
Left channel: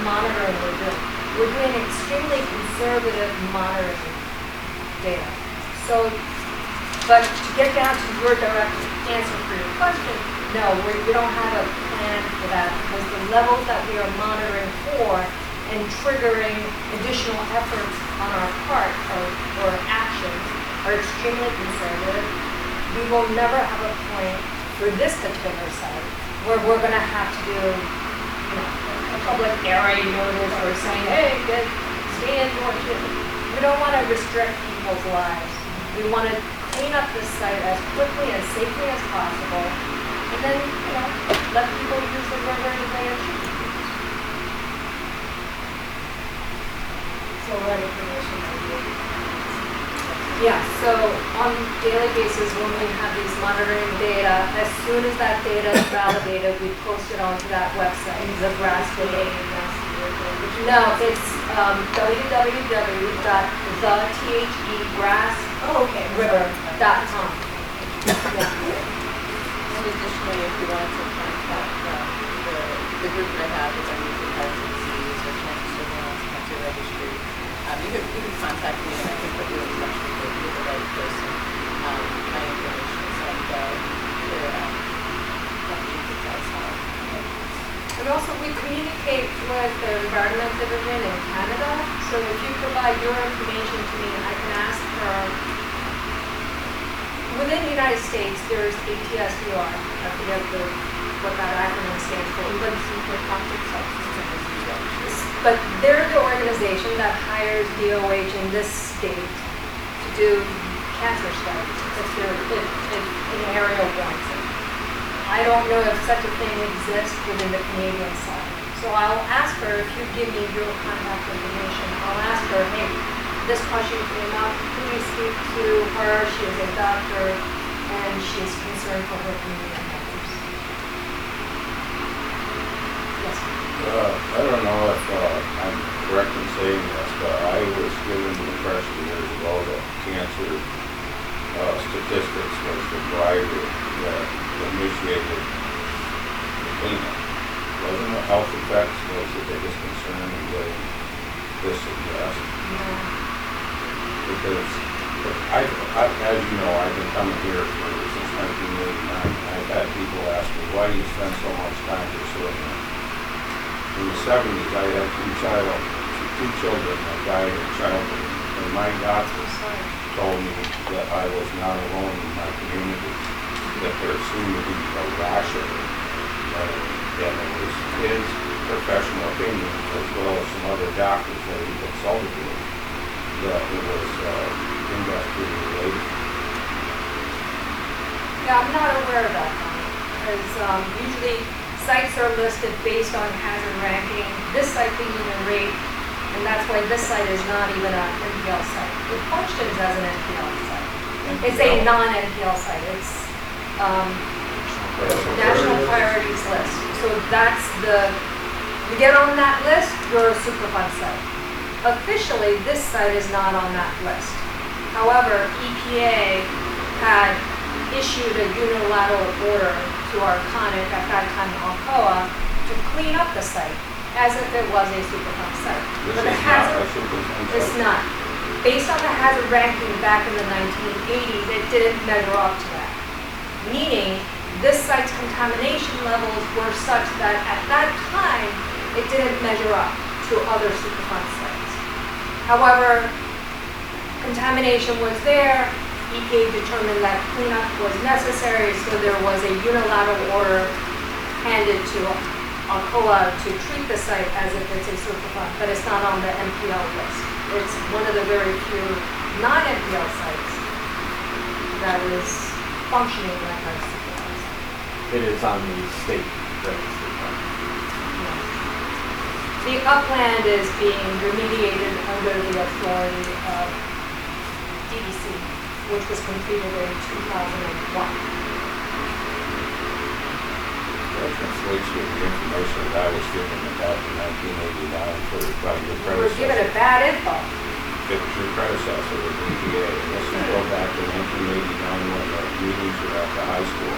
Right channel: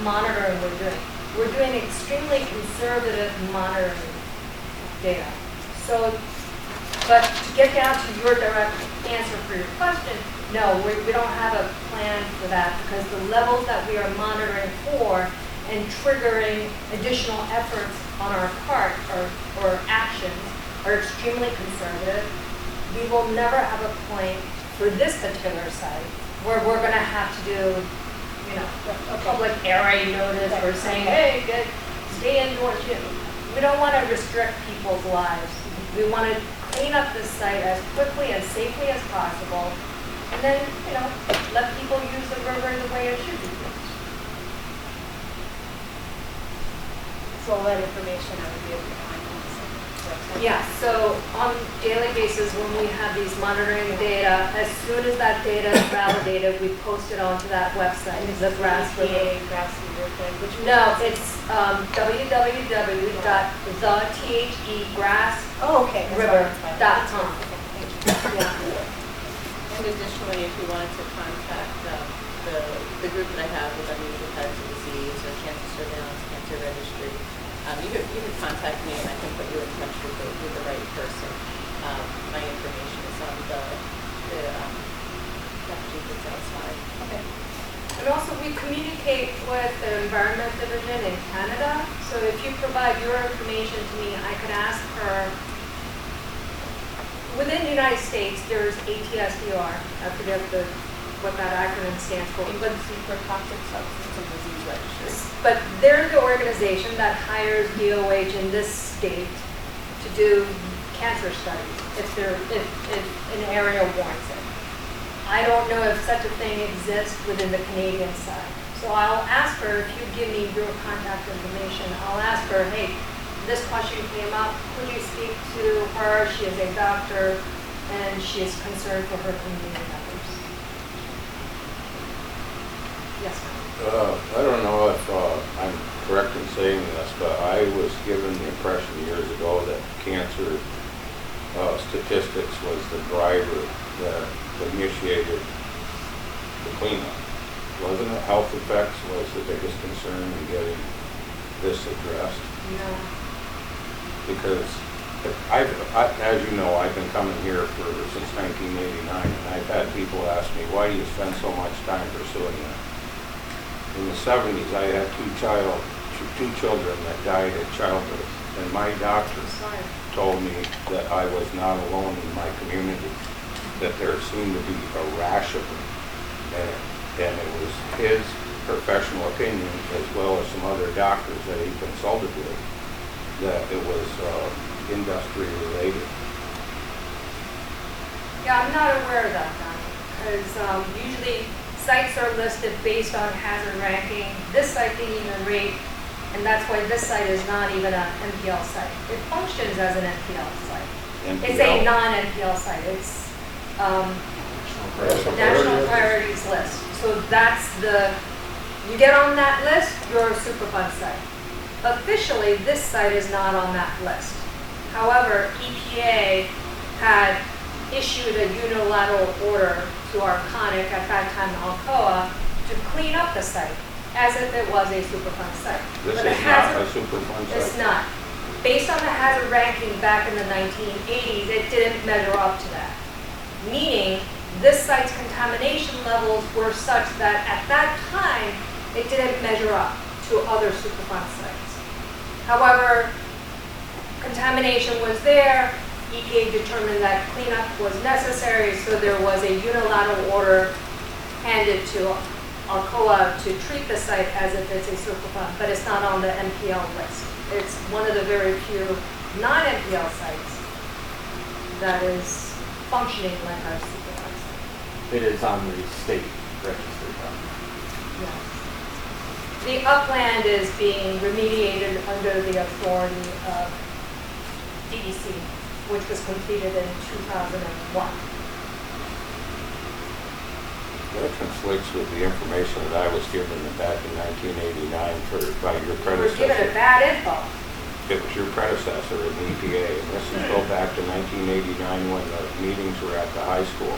monitoring we're doing. We're doing extremely conservative monitoring data. So, but to get down to your direct answer for your question, no, we don't have a plan for that because the levels that we are monitoring for and triggering additional efforts on our part or actions are extremely conservative. We will never have a point for this particular site where we're going to have to do a public area notice or saying, hey, stay indoors. We don't want to restrict people's lives. We want to clean up this site as quickly and safely as possible, and then, let people use the river the way it should be used. So that information might be. Yeah, so on a daily basis, when we have these monitoring data, as soon as that data is validated, we post it onto that website, the Grasse River. No, it's www.thethegrassriver.com. And additionally, if you wanted to contact the group that I have, which I'm using infectious disease or cancer surveillance, cancer registry, you can contact me and I can put you in touch with the right person. My information is on the Massachusetts outside. And also, we communicate with the Environment Division in Canada, so if you provide your information to me, I can ask her. Within the United States, there's ATSDR, I forget what that acronym stands for. For toxic substance abuse registry. But they're the organization that hires DOH in this state to do cancer studies if an area warrants it. I don't know if such a thing exists within the Canadian side. So I'll ask her, if you give me your contact information, I'll ask her, hey, this question came up, please speak to her. She is a doctor and she is concerned for her community members. Yes. I don't know if I'm correct in saying this, but I was given the impression years ago that cancer statistics was the driver that initiated the cleanup. Wasn't it health effects was the biggest concern in getting this addressed? No. Because as you know, I've been coming here since 1989, and I've had people ask me, why do you spend so much time pursuing it? In the 70s, I had two children that died of childbirth, and my doctor told me that I was not alone in my community, that there seemed to be a rash of it, and it was his professional opinion, as well as some other doctors that he consulted with, that it was industry related. Yeah, I'm not aware of that, because usually sites are listed based on hazard ranking, this site being even rate, and that's why this site is not even an NPL site. It functions as an NPL site. It's a non-NPL site. It's National Priorities List. So that's you get on that list, you're a Superfund site. Officially, this site is not on that list. However, EPA had issued a unilateral order to Arconic, at that time Alcoa, to clean up the site as if it was a Superfund site. This But the is not a hazard, Superfund site. it's not. Based on the hazard ranking back in the 1980s, it didn't measure up to that. Meaning, this site's contamination levels were such that at that time, it didn't measure up to other Superfund sites. However, contamination was there. EPA determined that cleanup was necessary, so there was a unilateral order handed to Alcoa to treat the site as if it's a Superfund, but it's not on the NPL list. It's one of the very few non-NPL sites that is functioning like our Superfund site. It is on the state register. The upland is being remediated under the authority of DDC, which was completed in 2001. That conflicts with the information that I was given back in 1989 by your We were given predecessor. a bad info. It was your predecessor with EPA, and this would go back to 1989 when the meetings were at the high school.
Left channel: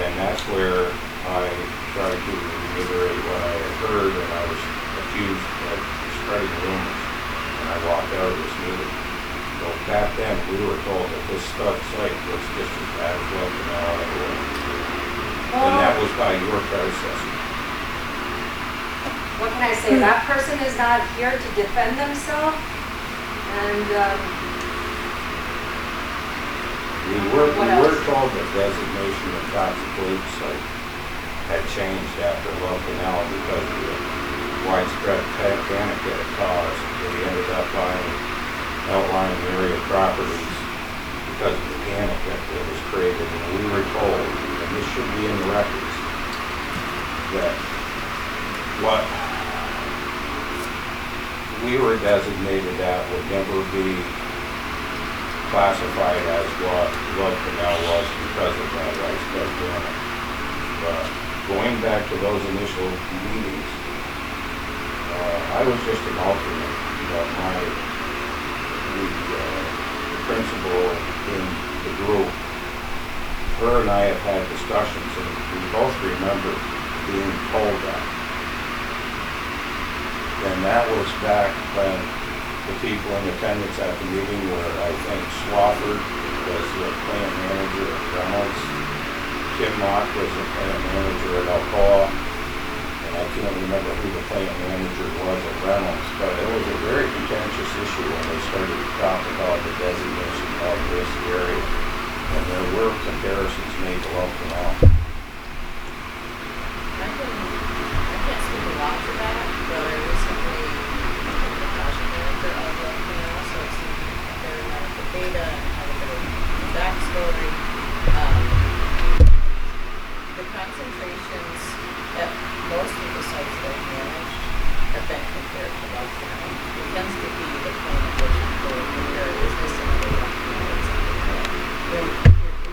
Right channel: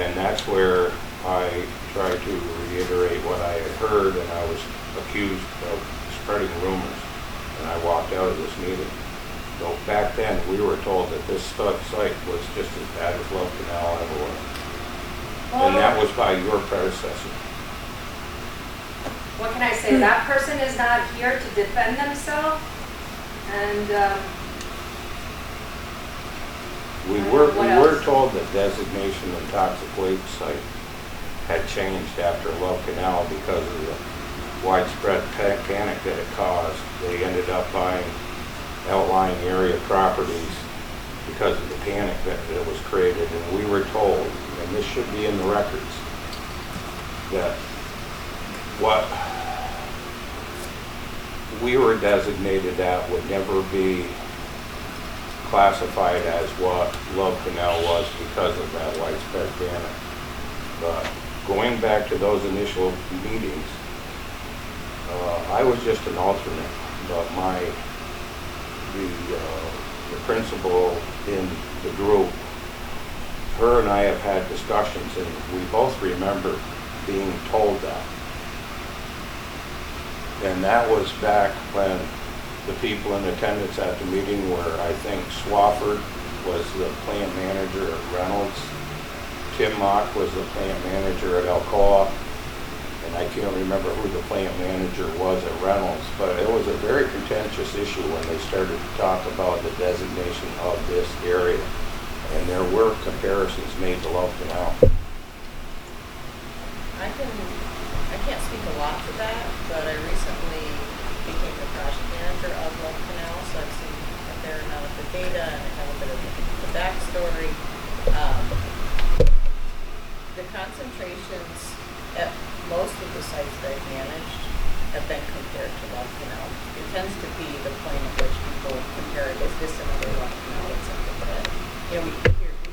And that's where I tried to reiterate what I had heard, and I was accused of spreading rumors, and I walked out of this meeting. So back then, we were told that this site was just as bad as Love Canal ever was. And that was by your predecessor. What can I say? That person is not here to defend themselves, and We what were else? told that designation of toxic waste site had changed after Love Canal because of the widespread panic that it caused. They ended up buying outlying area properties because of the panic that was created. And we were told, and this should be in the records, that what we were designated at would never be classified as what Love Canal was because of that widespread panic. But going back to those initial meetings, I was just an alternate, but the principal in the group, her and I have had discussions, and we both remember being told that. And that was back when the people in attendance at the meeting were, I think, Swafford was the plant manager at Reynolds, Tim Mock was the plant manager at Alcoa, and I can't remember who the plant manager was at Reynolds, but it was a very contentious issue when they started to talk about the designation of this area. And there were comparisons made to Love Canal. I can't speak a lot to that, but I recently became the project manager of Love Canal, so I've seen a fair amount of the data and I have a bit of the backstory. The concentrations at most of the sites that I've managed have been compared to Love Canal. It tends to be the point at which people compare, is this another Love Canal or something that, we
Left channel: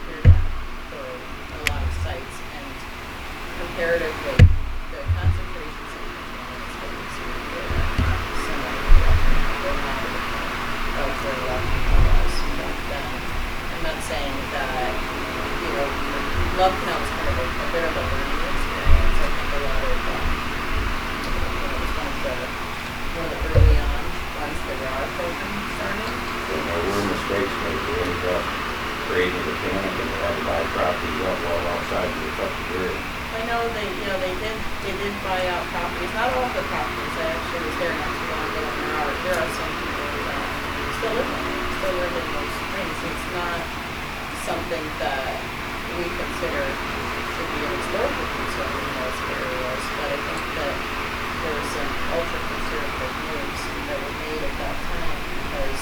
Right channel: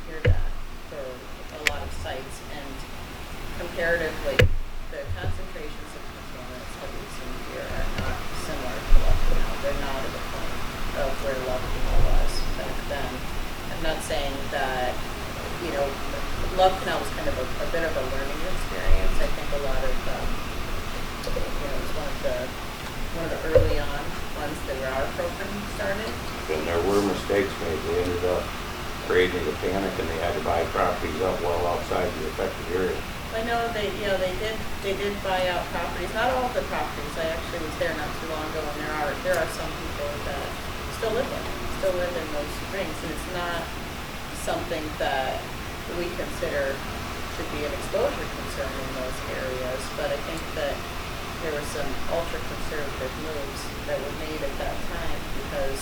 hear that for a lot of sites, and comparatively, the concentrations of contaminants that we see here are not similar to Love Canal. They're not at the point of where Love Canal was back then. I'm not saying that, Love Canal was kind of a bit of a learning experience. I think a lot of, it was one of the early on ones that our program started. And there were mistakes made. They ended up creating a panic, and they had to buy properties up well outside the affected area. I know they did buy out properties, not all of the properties. I actually was there not too long ago, and there are some people that still live in those springs. It's not something that we consider to be an exposure concern in those areas, but I think that there were some ultra-conservative moves that were made at that time because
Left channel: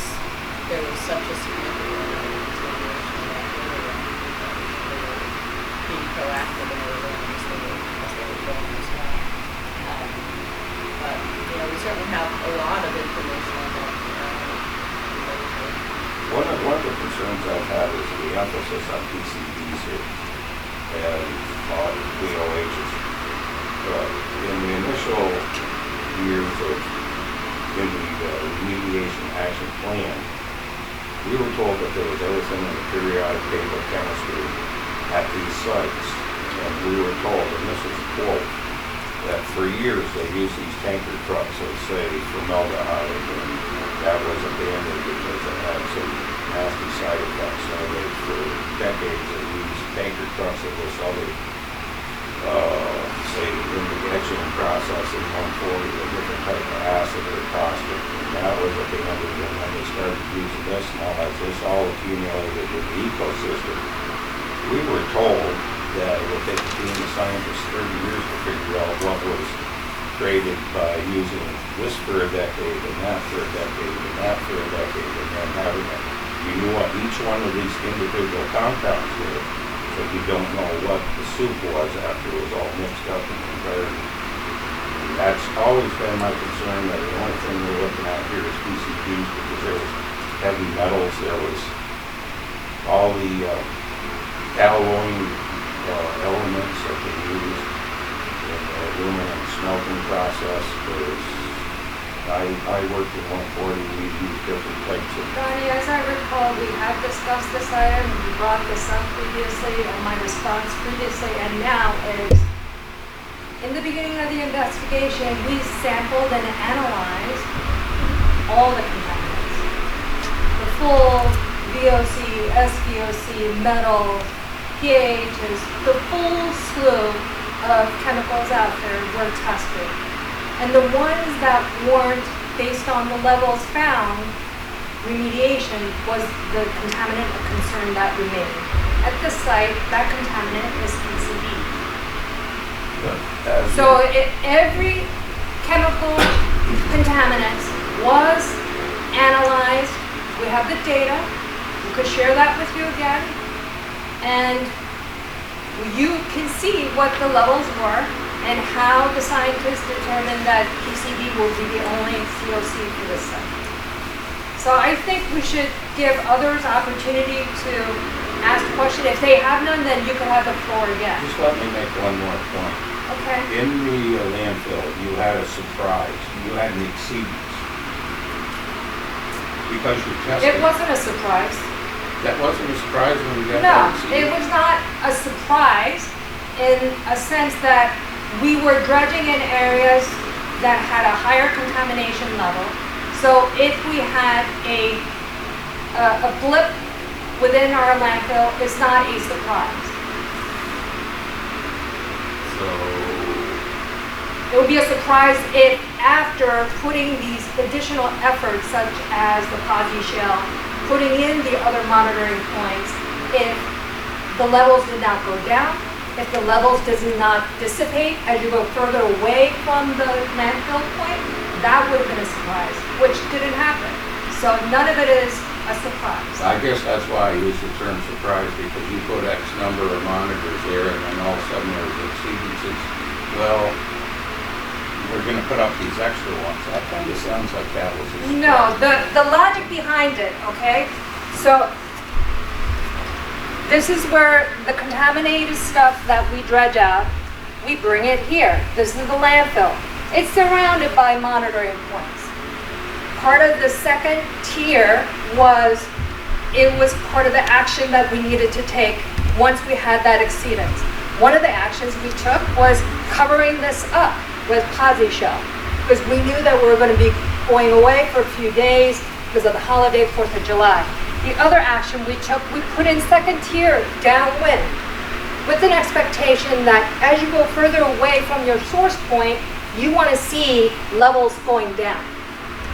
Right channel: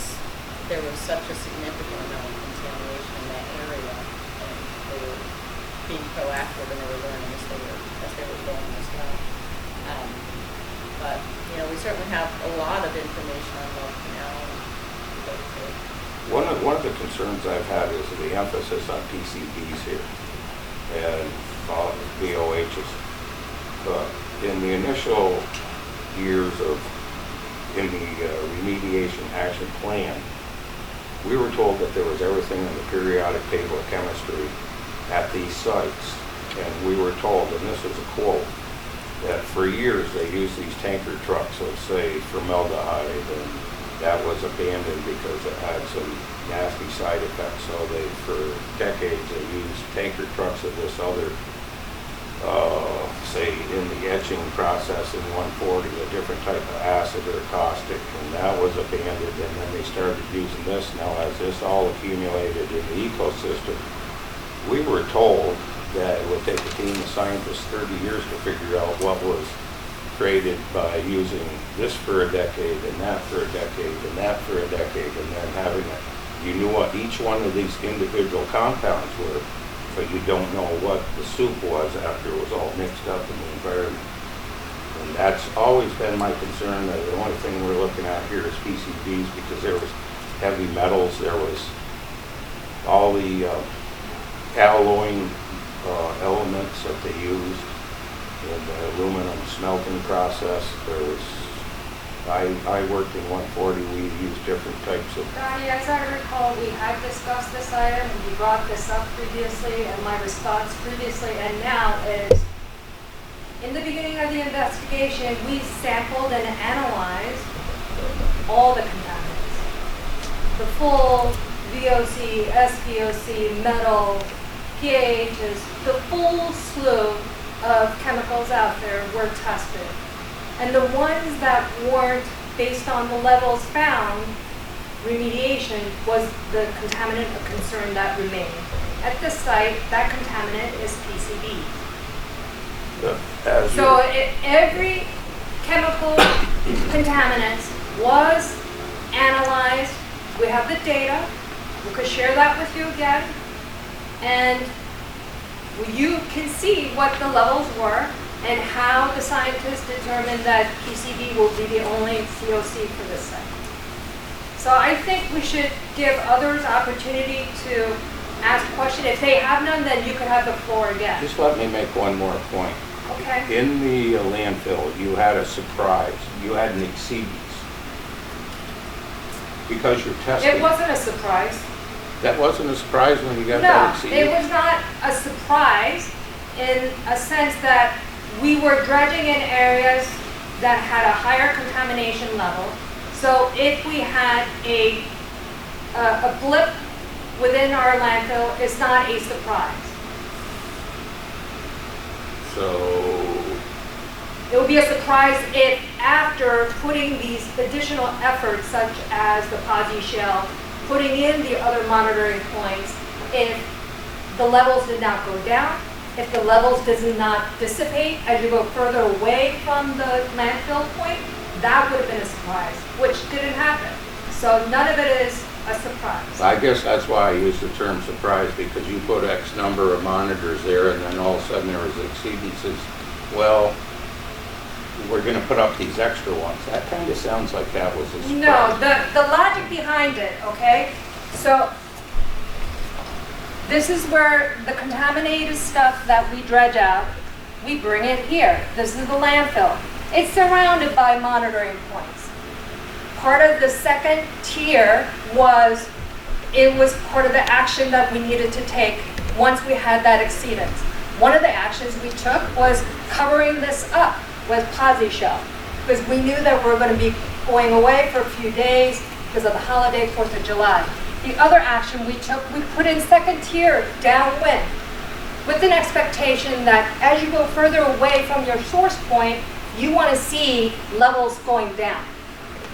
there was such a significant amount of contamination in that area. They were being proactive and they were learning as they going as well. But, you know, we certainly have a lot of information on that, you know. One of the concerns I've had is the emphasis on PCBs here and on VOHs. In the initial years in the remediation action plan, we were told that there was everything in the periodic table of chemistry at these sites. And we were told, and this is a quote, that for years they used these tanker trucks of, say, formaldehyde, and that was abandoned because it had some nasty side effects. So they, for decades, they used tanker trucks of this other, say, in the etching process in 140, a different type of acid or caustic, and that was abandoned, and then they started using this. Now, as this all accumulated in the ecosystem, we were told that it would take a team of scientists 30 years to figure out what was created by using this for a decade, and that for a decade, and that for a decade, and then having it. You knew what each one of these individual compounds were, but you don't know what the soup was after it was all mixed up in the environment. And that's always been my concern, that the only thing we're looking at here is PCBs, because there was heavy metals, there was all the alloying elements that they use in the aluminum smelting process. I worked in 140, we used different types of... Donnie, as I recall, we had discussed this item, we brought this up previously, and my response previously and now is, in the beginning of the investigation, we sampled and analyzed all the contaminants. The full VOC, SVOC, metal, pHs, the full slew of chemicals out there were tested. And the ones that weren't based on the levels found, remediation was the contaminant of concern that remained. At this site, that contaminant is PCB. So every chemical contaminant was analyzed. We have the data. We could share that with you again. And you can see what the levels were and how the scientists determined that PCB will be the only COC for this site. So I think we should give others opportunity to ask questions. If they have none, then you could have the floor again. Just let me make one more point. Okay. In the landfill, you had a surprise. You had an exceedance. Because you're testing. It wasn't a surprise. That wasn't a surprise when you got No, that exceedance? it was not a surprise in a sense that we were dredging in areas that had a higher contamination level. So if we had a blip within our landfill, it's not a surprise. So It would be a surprise if after putting these additional efforts such as the Posi shell, putting in the other monitoring points, if the levels did not go down, if the levels does not dissipate as you go further away from the landfill point, that would have been a surprise, which didn't happen. So none of it is a surprise. I guess that's why I use the term surprise, because you put X number of monitors there and then all of a sudden there's exceedances. Well, we're going to put up these extra ones. That kind of sounds like that was a surprise. No, the logic behind it, okay? So this is where the contaminated stuff that we dredge out, we bring it here. This is the landfill. It's surrounded by monitoring points. Part of the second tier was part of the action that we needed to take once we had that exceedance. One of the actions we took was covering this up with Posi shell, because we knew that we were going to be going away for a few days because of the holiday, 4th of July. The other action we took, we put in second tier downwind with an expectation that as you go further away from your source point, you want to see levels going down.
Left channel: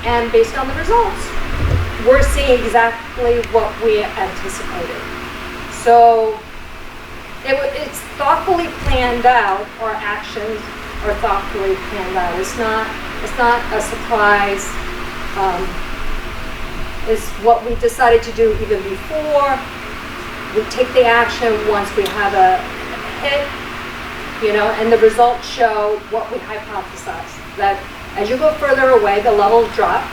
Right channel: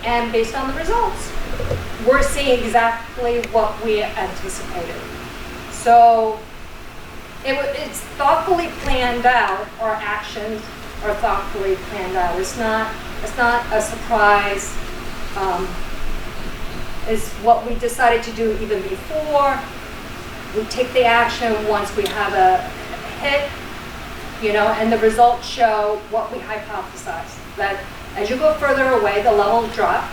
And based on the results, we're seeing exactly what we anticipated. So it's thoughtfully planned out, our actions are thoughtfully planned out. It's not a surprise. It's what we decided to do even before. We take the action once we have a hit. and the results show what we hypothesized, that as you go further away, the levels drop.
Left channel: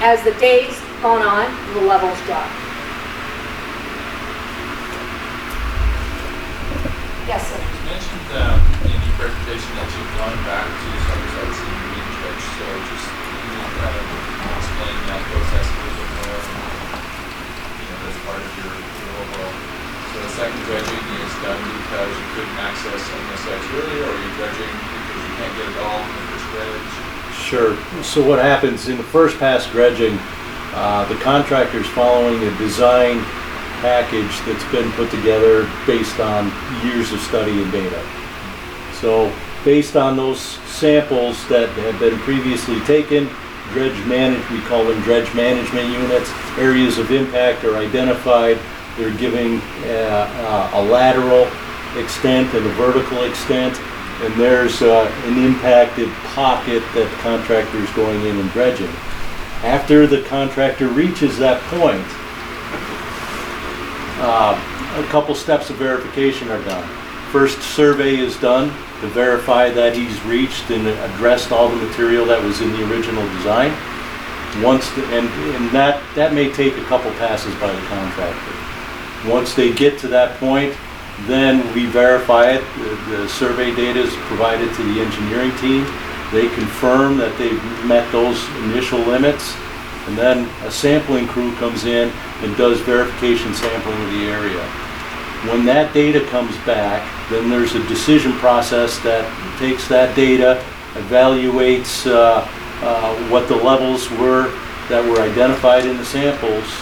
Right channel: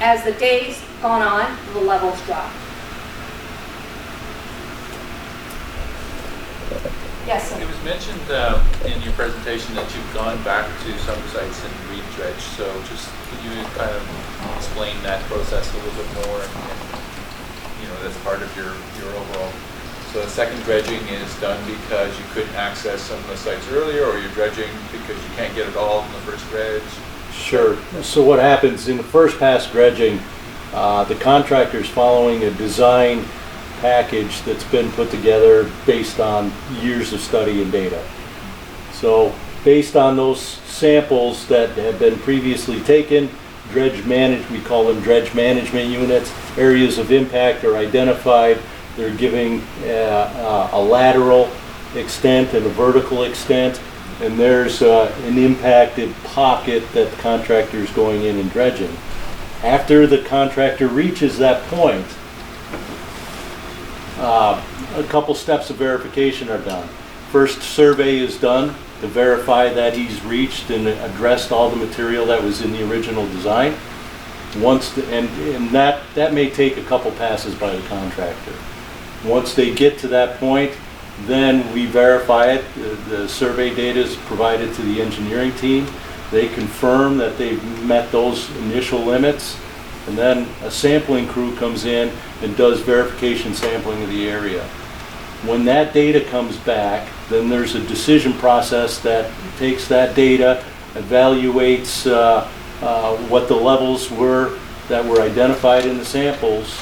As the days gone on, the levels drop. Yes, sir. It was mentioned in your presentation that you've gone back to some sites and re-dredged, so just can you kind of explain that process a little bit more? That's part of your overall. So the second dredging is done because you couldn't access some of the sites earlier, or you're dredging because you can't get it all in the first dredge? Sure. So what happens in the first pass dredging, the contractor's following a design package that's been put together based on years of study and data. So based on those samples that have been previously taken, we call them dredge management units, areas of impact are identified. They're giving a lateral extent and a vertical extent, and there's an impacted pocket that the contractor is going in and dredging. After the contractor reaches that point, a couple steps of verification are done. First survey is done to verify that he's reached and addressed all the material that was in the original design. And that may take a couple passes by the contractor. Once they get to that point, then we verify it. The survey data is provided to the engineering team. They confirm that they've met those initial limits, and then a sampling crew comes in and does verification sampling of the area. When that data comes back, then there's a decision process that takes that data, evaluates what the levels were that were identified in the samples,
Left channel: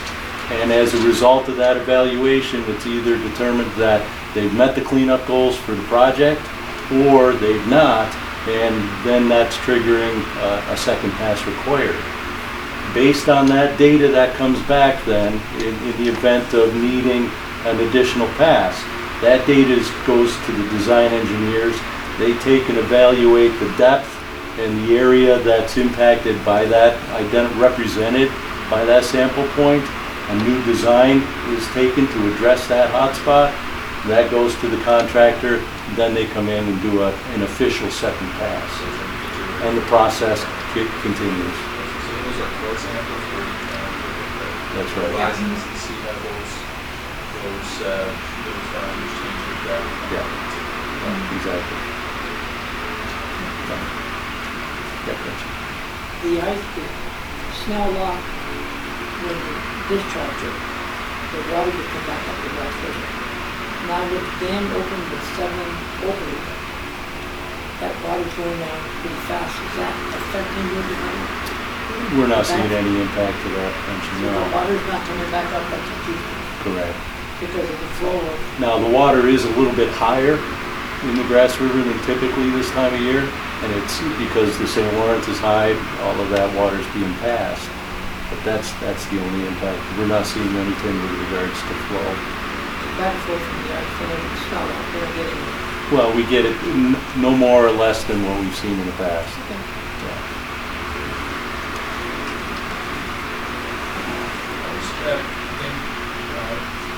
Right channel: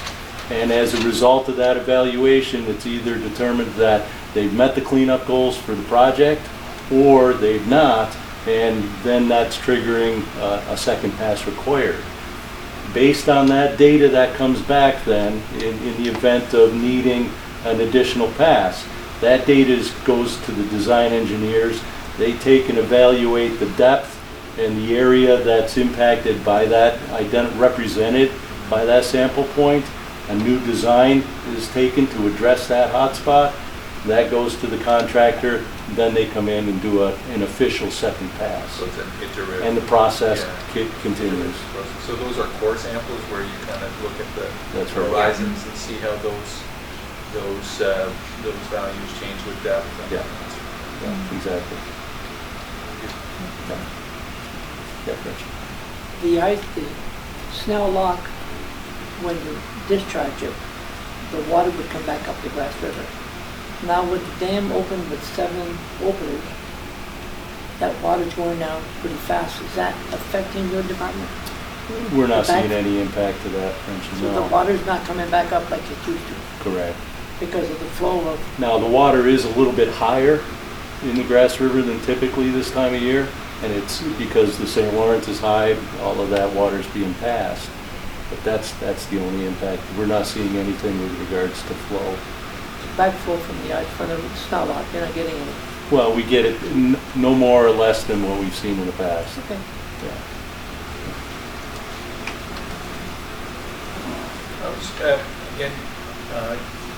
and as a result of that evaluation, it's either determined that they've met the cleanup goals for the project or they've not, and then that's triggering a second pass required. Based on that data that comes back then, in the event of needing an additional pass, that data goes to the design engineers. They take and evaluate the depth and the area that's impacted by that, represented by that sample point. A new design is taken to address that hotspot. That goes to the contractor. Then they come in and do an official second pass. And the process continues. So those are core samples where you kind of look at the horizons and see how those values change with depth. Yeah, exactly. The Snell Lock, when you discharge it, the water would come back up the Grasse River. Now with the dam open with 7 openings, that water's going down pretty fast. Is that affecting your department? We're not seeing any impact to that, So the water's not coming back up like it used to? Correct. Because of the flow of... Now, the water is a little bit higher in the Grasse River than typically this time of year, and it's because the St. Lawrence is high, all of that water's being passed. But that's the only impact. We're not seeing anything with regards to flow. Backflow from the ice front of the Snell Lock, you're not getting it? Well, we get it no more or less than what we've seen in the past. Okay. Yeah. Again,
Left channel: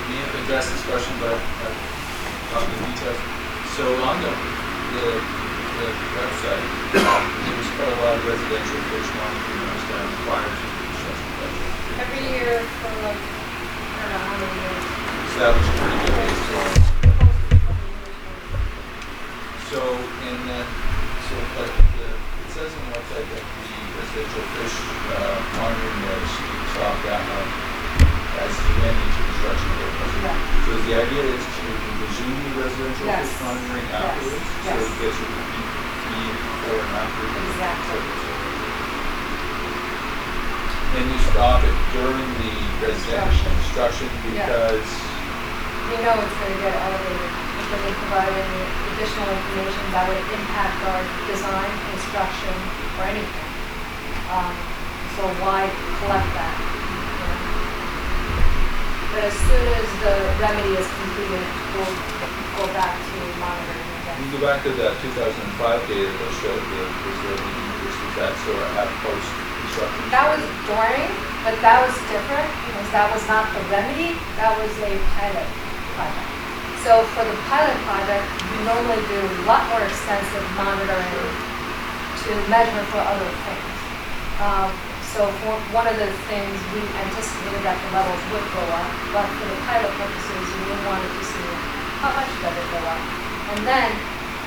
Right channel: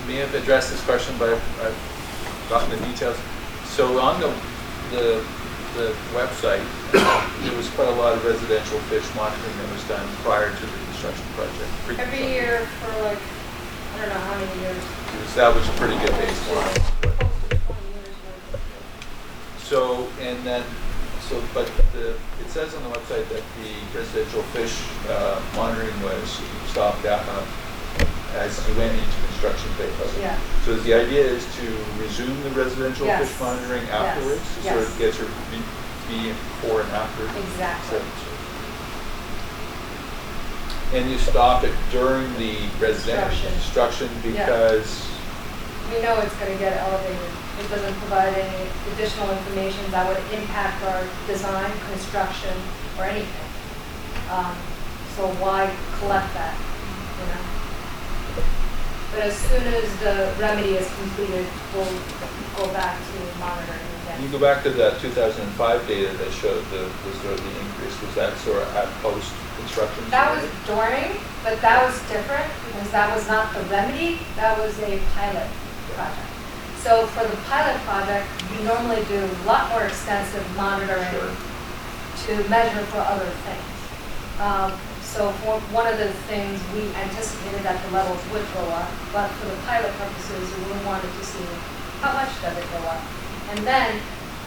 may have addressed this question, but I've gotten the details. So on the website, there was quite a lot of residential fish monitoring that was done prior to the construction project. Every year for like, I don't know how many years. Established a pretty good baseline. But it says on the website that the residential fish monitoring was stopped as you went into construction phase. Yeah. So the idea is to resume the residential fish monitoring afterwards? Yes. So it gets your before and after? Exactly. And you stop it during the residential construction because? We know it's going to get elevated. It doesn't provide any additional information that would impact our design, construction, or anything. So why collect that? But as soon as the remedy is completed, we'll go back to monitoring again. You go back to that 2005 data that showed the increase. Was that sort of at post-construction? That was during, but that was different because that was not the remedy. That was a pilot project. So for the pilot project, we normally do a lot more extensive monitoring to measure for other things. So for one of the things, we anticipated that the levels would go up, but for the pilot purposes, we wanted to see how much does it go up. And then,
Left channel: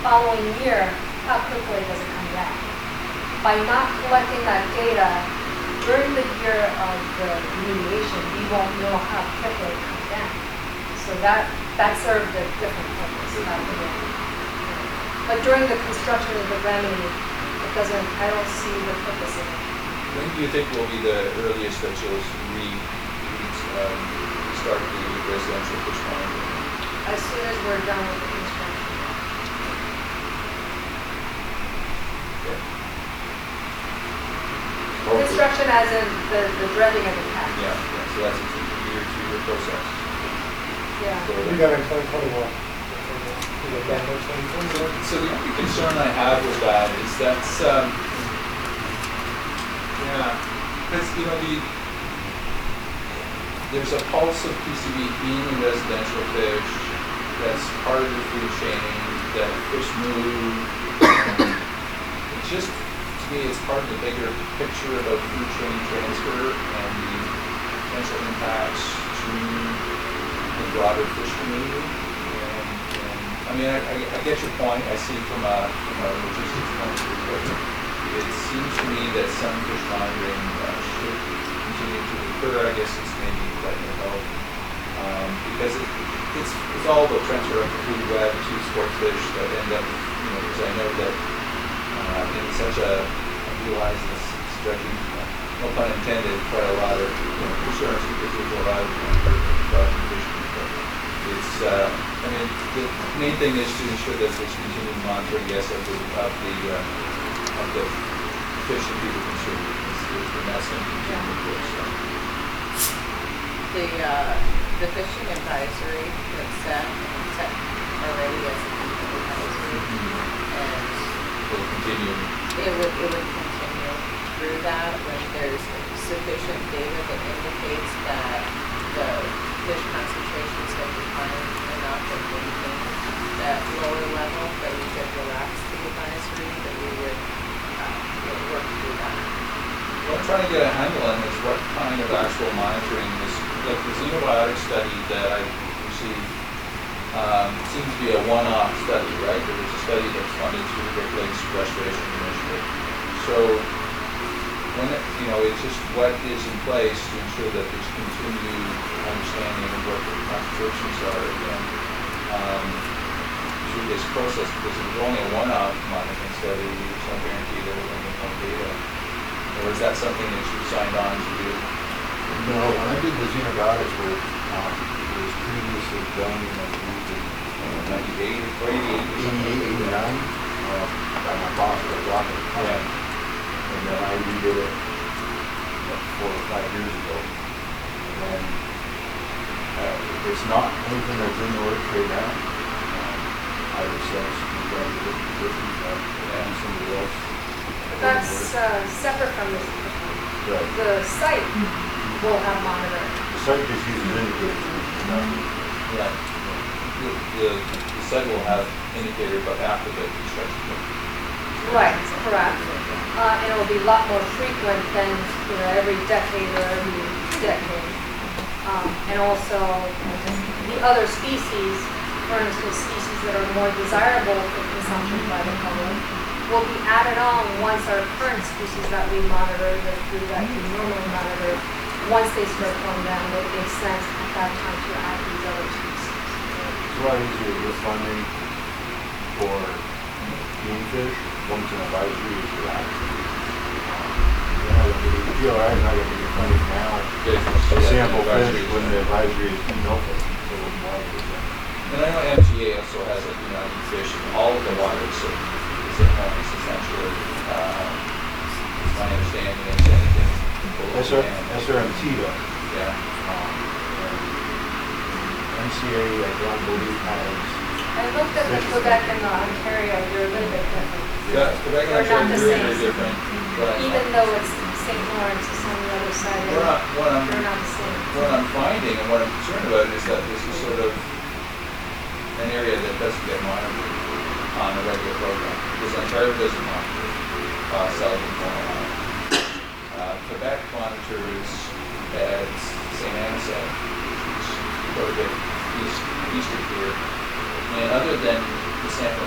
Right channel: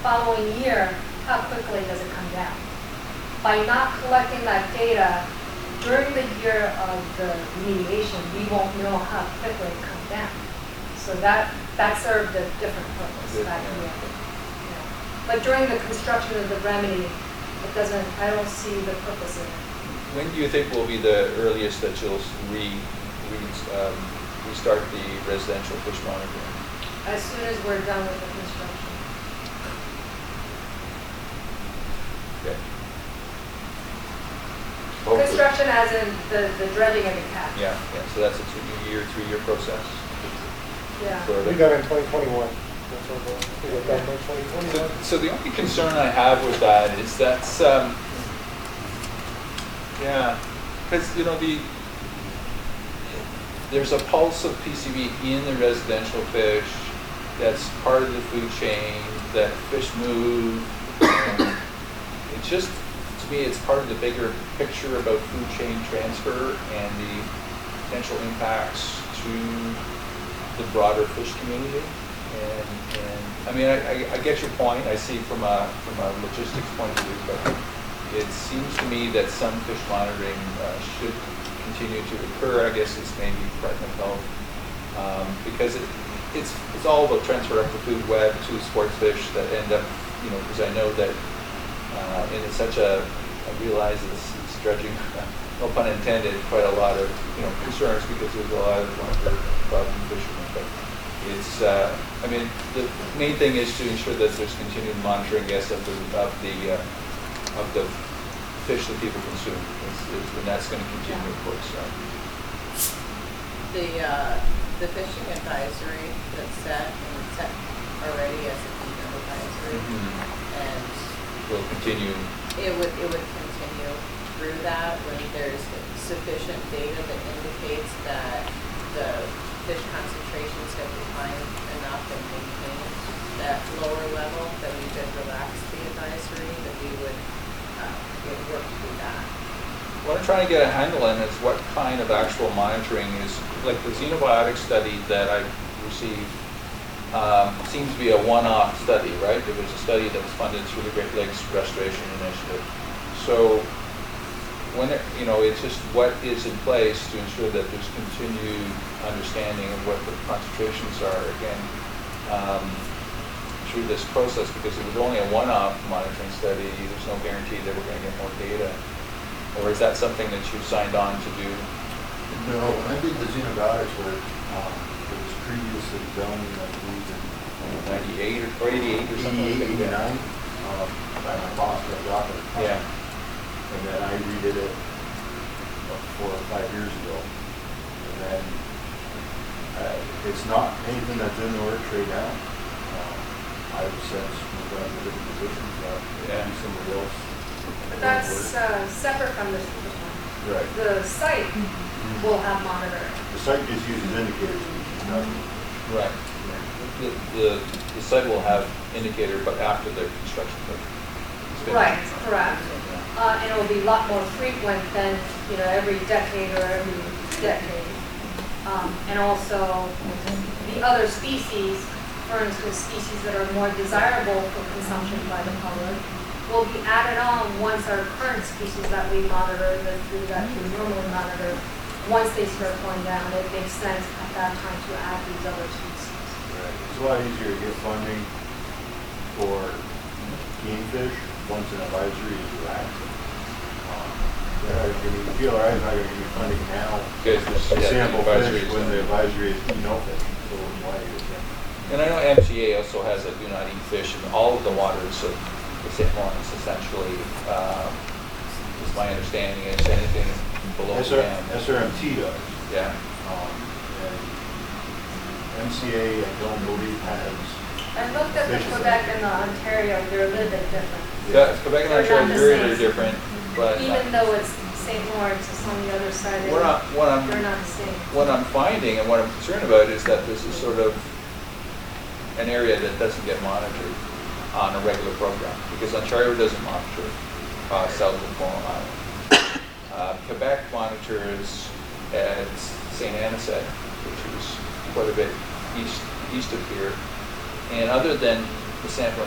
following year, how quickly does it come down? By not collecting that data during the year of the remediation, we won't know how quickly it comes down. So that served a different purpose. But during the construction of the remedy, it doesn't, I don't see the purpose of it. When do you think will be the earliest that you'll restart the residential fish monitoring? As soon as we're done with the construction. Okay. Construction as in the dredging of the catch. Yeah, so that's a 2-year process. Yeah. So We got in 2021. We got done by 2021. So the only concern I have with that is that's, because there's a pulse of PCB in the residential fish that's part of the food chain, that fish move. It's just, to me, it's part of the bigger picture about food chain transfer and the potential impacts to the broader fish community. And I mean, I get your point. I see from a logistics point of view, but it seems to me that some fish monitoring should continue to occur. I guess it's maybe Department of Health, because it's all about transfer of the food web to sports fish that end up, because I know that in such I realize it's dredging, no pun intended, quite a lot of concerns because there's a lot of problem fishing. But it's, I mean, the main thing is to ensure that there's continued monitoring, yes, of the fish that people consume, and that's going to continue, of course. So. The fishing advisory that's set already as a fishing advisory, and Will continue. It would continue through that when there's sufficient data that indicates that the fish concentrations have declined enough and maintained that lower level, that we could relax the advisory, that we would work through that. What I'm trying to get a handle on is what kind of actual monitoring is, like the xenobiotic study that I received seems to be a one-off study, right? There was a study that was funded through the Great Lakes Restoration Initiative. So when it's just what is in place to ensure that there's continued understanding of what the concentrations are again through this process, because it was only a one-off monitoring study. There's no guarantee that we're going to get more data. Or is that something that you signed on to do? No, when I did the xenobiotics work, it was previously done, I believe, in 98 or 88 or something? 88, 89, by my boss, Bill Rocket. Yeah. And then I redid it 4 or 5 years ago. And then it's not anything that's in the order trade now. I would sense we've got a different position, maybe somebody else. That's separate from this. Right. The site will have monitoring. The site just uses indicators. Right. The site will have indicator, but after the construction. Right, correct. And it will be a lot more frequent than, every decade or every decade. And also the other species, for instance, species that are more desirable for consumption by the public, will be added on once our current species that we monitor, that we normally monitor, once they start going down, it makes sense at that time to add these other species. It's a lot easier to get funding for game fish once an advisory is relaxed. GLRI is not going to give you funding now. To sample fish when the advisory is open. And I know MTA also has a do not eat fish in all of the waters of the St. Lawrence, essentially. Is my understanding. It's anything below the dam. SRMT does. Yeah. And MCA, I don't believe, has. I looked at the Quebec and the Ontario, they're a little bit different. Yeah, Quebec and They're Ontario not are the very, same. very different. But Even though it's St. Lawrence is on the other side, they're not the same. What I'm finding and what I'm concerned about is that this is sort of an area that doesn't get monitored on a regular program, because Ontario doesn't monitor cells in Long Island. Quebec monitors at St. Anisette, which is quite a bit east of here. And other than the sample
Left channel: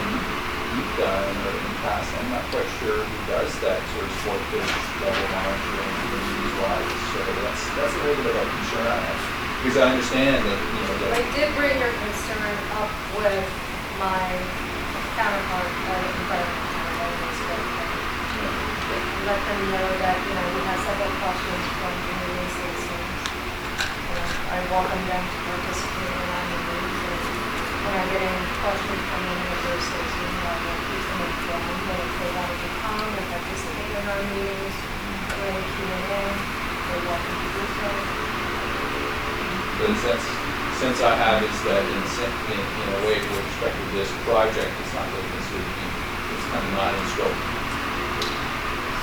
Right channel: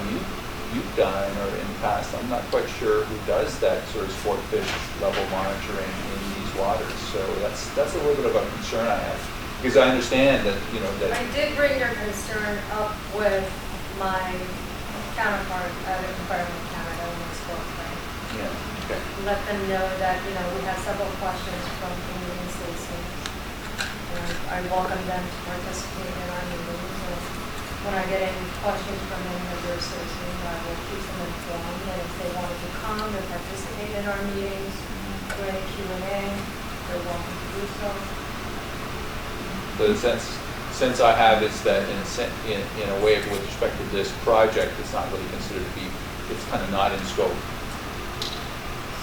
you've done or in the past, I'm not quite sure who does that sort of sport fish level monitoring in these waters. So that's a little bit of a concern I have. Because I understand that, that. I did bring your concern up with my counterpart at Environment Canada and they spoke to them. Let them know that, we have several questions from Canadian citizens. And I welcome them to participate in our meetings. And when I get any questions from any of their citizens, I will keep them informed. And if they wanted to come and participate in our meetings, or any Q&A, they're welcome to do so. The sense I have is that in a way, with respect to this project, it's not really considered to be, it's kind of not in scope.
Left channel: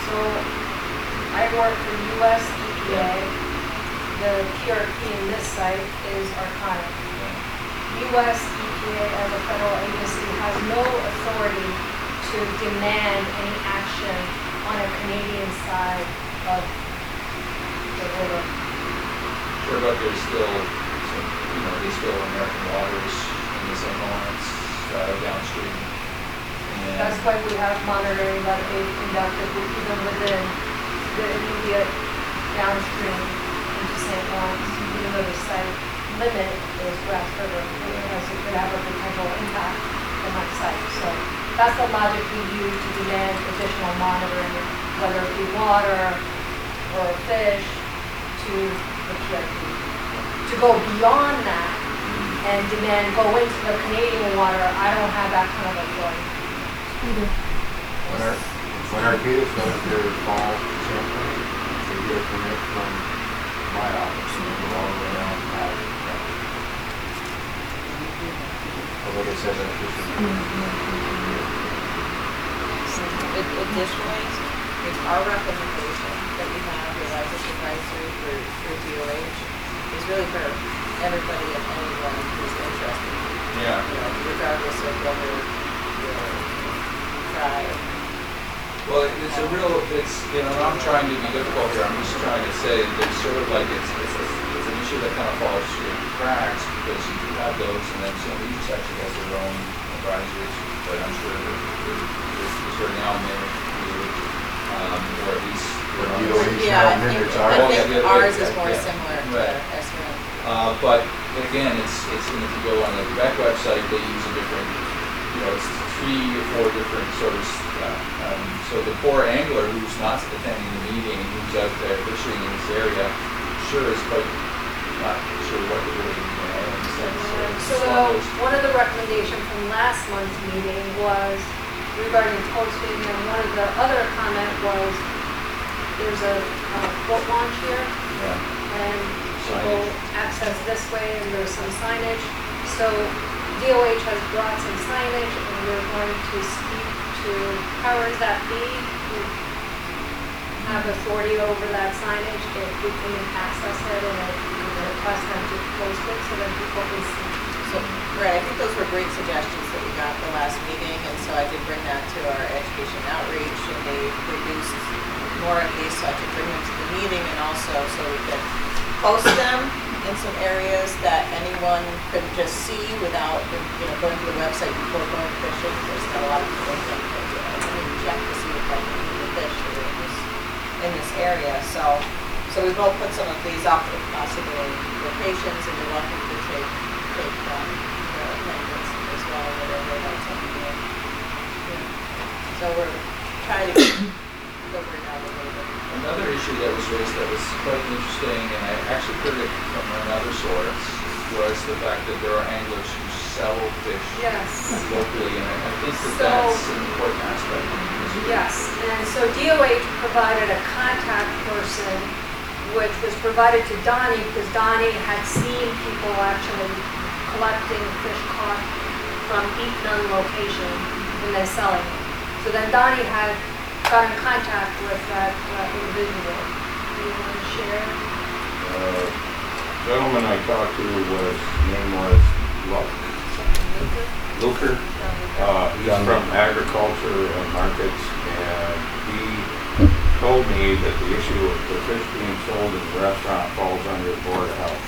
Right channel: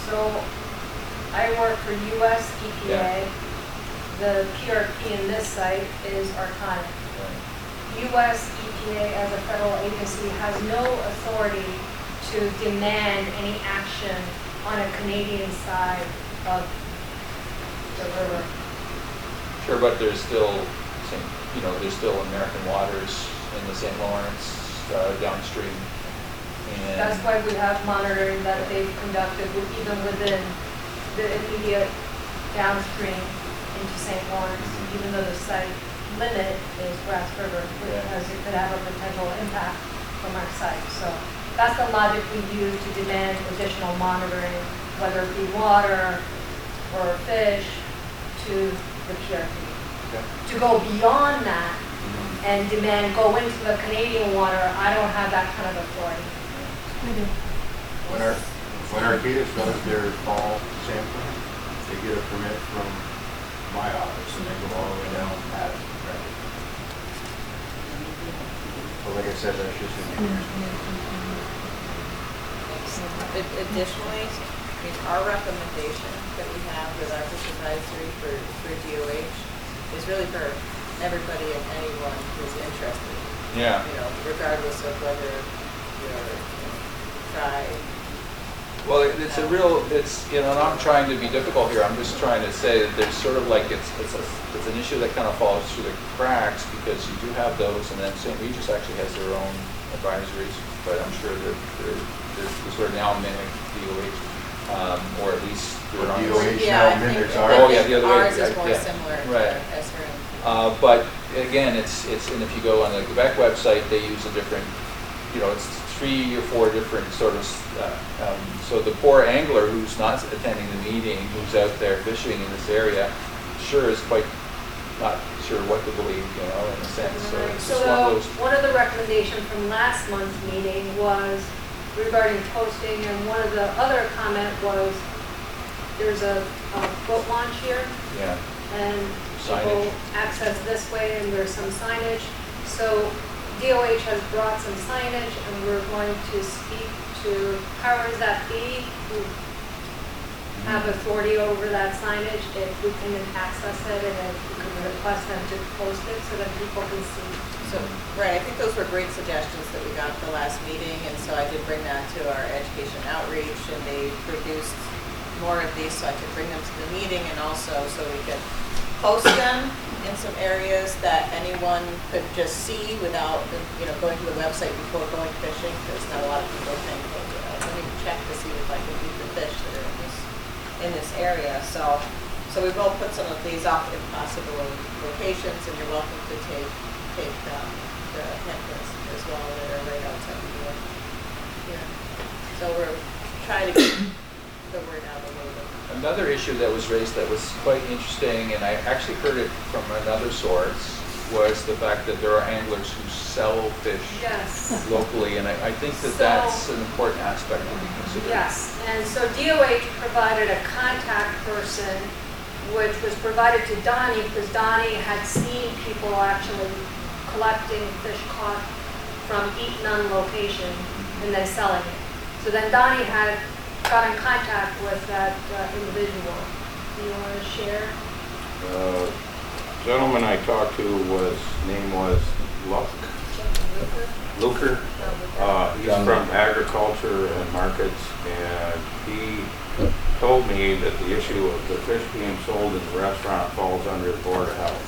So I work for US EPA. Yeah. The PRP in this site is Arconic. US EPA as a federal agency has no authority to demand any action on a Canadian side of the river. Sure, but there's still some, there's still American waters in the St. Lawrence downstream. And That's why we have monitoring that they've conducted even within the immediate downstream into St. Lawrence, even though the site limit is Grasse River, because it could have a potential impact from that site. So that's the logic we use to demand additional monitoring, whether it be water or fish, to the PRP. To go beyond that and demand go into the Canadian water, I don't have that kind of authority. When Arcadis does their fall sampling, they get a permit from my office and they go all the way down to that. But like I said, that's just Additionally, our recommendation that we have with our advisory for DOH is really for everybody and anyone who's interested. Yeah. Regardless of whether you're tribe. Well, and I'm trying to be difficult here. I'm just trying to say that there's sort of like it's an issue that kind of falls through the cracks because you do have those, and then St. Regis actually has their own advisories, but I'm sure that there's sort of now managed DOH, or at least DOH Yeah, now I think, minutes I are. think ours is more yeah. similar Right. to SRM. But again, and if you go on the Quebec website, they use a different, it's 3 or 4 different sort of, so the poor angler who's not attending the meeting, who's out there fishing in this area, sure is quite not sure what to believe, in a sense. So it's One of the recommendations from last month's meeting was regarding posting, and one of the other comment was there's a boat launch here, and people access this way, and there's some signage. So DOH has brought some signage, and we're going to speak to powers that be who have authority over that signage, if we can access it, and if we can request them to post it so that people can see. So, right, I think those were great suggestions that we got at the last meeting, and so I did bring that to our education outreach, and they produced more of these so I could bring them to the meeting, and also so we could post them in some areas that anyone could just see without, going to the website before going fishing, because not a lot of people think that, let me check to see if I can eat the fish that are in this area. So we both put some of these up in possible locations, and you're welcome to take the attendance as well, whatever else I'm doing. So we're trying to get the word out a little bit. Another issue that was raised that was quite interesting, and I actually heard it from another source, was the fact that there are anglers who sell fish locally, and I think that's an important aspect to consider. Yes, and so DOH provided a contact person, which was provided to Donnie, because Donnie had seen people actually collecting fish caught from eat-none location and then selling it. So then Donnie had got in contact with that individual. Do you want to share? Gentleman I talked to name was Luck. Luker. He's from agriculture and markets, and he told me that the issue of the fish being sold in the restaurant falls under the Board of Health.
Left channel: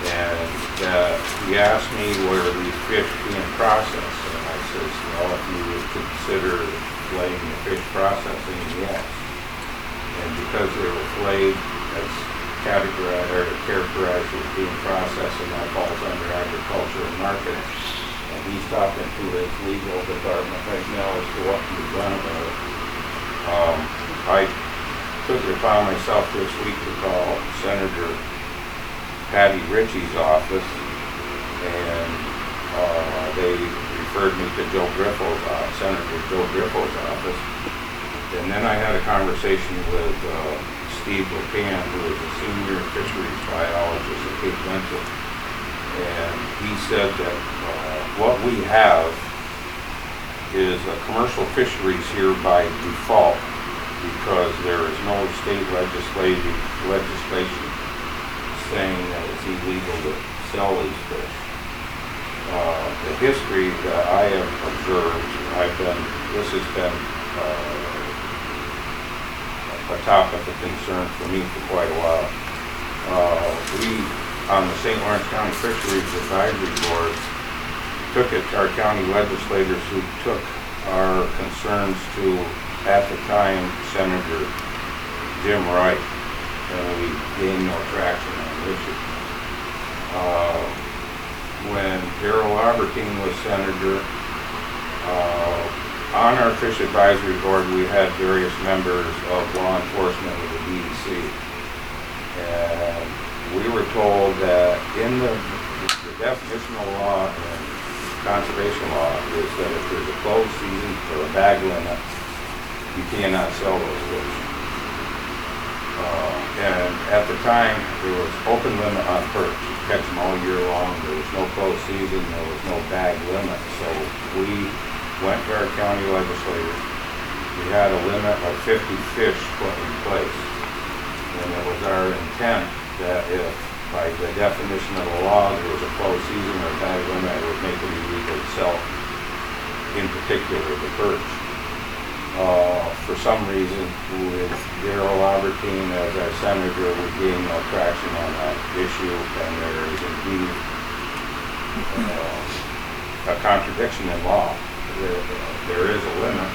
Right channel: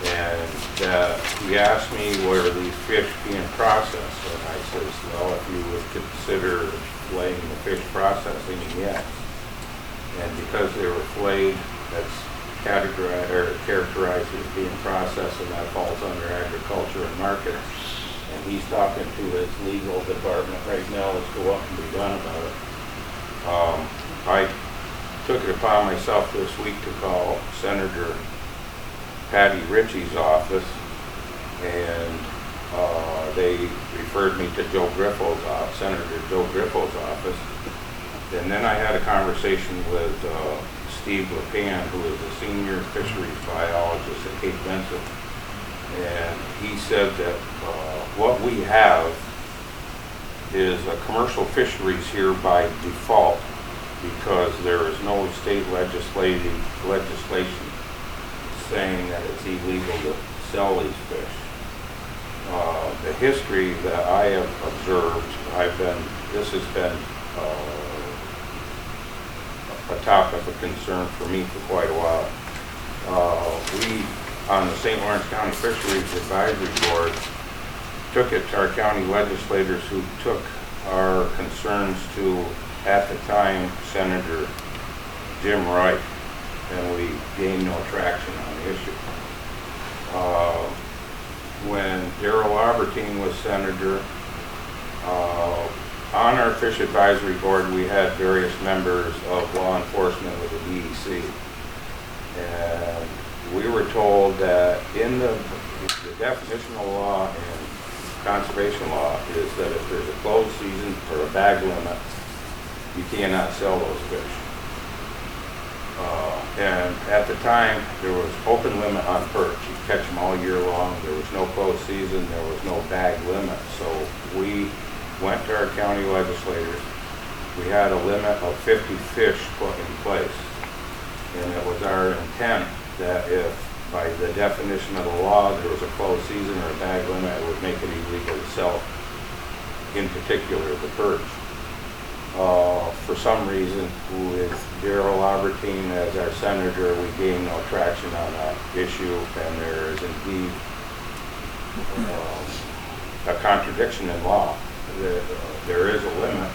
And he asked me where these fish being processed, and I says, well, if you would consider filleting the fish processing, yes. And because they were filleted, that's categorized or characterized as being processed, and that falls under agriculture and marketing. And he's talking to his legal department right now as to what can be done about it. I took it upon myself this week to call Senator Patty Ritchie's office, and they referred me to Senator Joe Griffo's office. And then I had a conversation with Steve LePan, who is a senior fisheries biologist at Cape Vincent. And he said that what we have is a commercial fisheries here by default, because there is no state legislation saying that it's illegal to sell these fish. The history that I have observed, this has been a topic of concern for me for quite a while. We, on the St. Lawrence County Fisheries Advisory Board, took it to our county legislators, who took our concerns to, at the time, Senator Jim Wright, and we gained no traction on the issue. When Darrell Albertine was senator, on our Fish Advisory Board, we had various members of law enforcement with the DEC. And we were told that in the definitional law and conservation law is that if there's a closed season or a bag limit, you cannot sell those fish. And at the time, there was open limit on perch. You could catch them all year long. There was no closed season. There was no bag limit. So we went to our county legislators. We had a limit of 50 fish put in place. And it was our intent that if, by the definition of the law, there was a closed season or a bag limit, it would make it illegal to sell, in particular, the perch. For some reason, with Darrell Albertine as our senator, we gained no traction on that issue, and there is indeed a contradiction in law. There is a limit,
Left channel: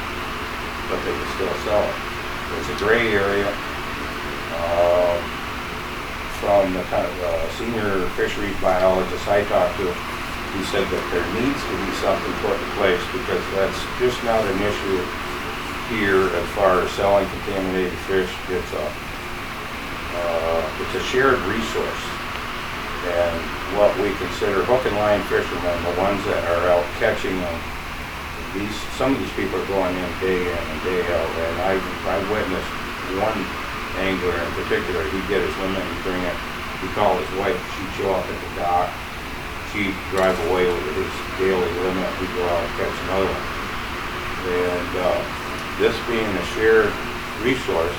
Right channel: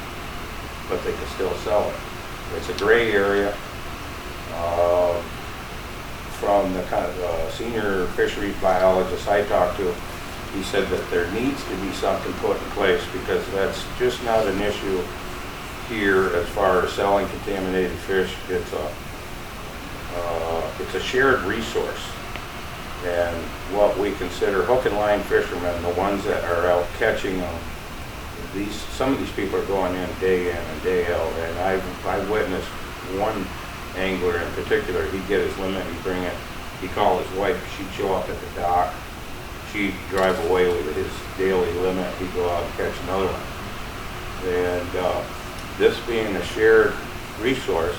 but they can still sell it. It's a gray area. From the senior fisheries biologist I talked to, he said that there needs to be something put in place, because that's just not an issue here as far as selling contaminated fish. It's a shared resource, and what we consider hook and line fishermen, the ones that are out catching them, some of these people are going in and day out, and I've witnessed one angler in particular. He'd get his limit, he'd bring it, he'd call his wife, she'd show up at the dock, she'd drive away with his daily limit, he'd go out and catch another one. And this being a shared resource,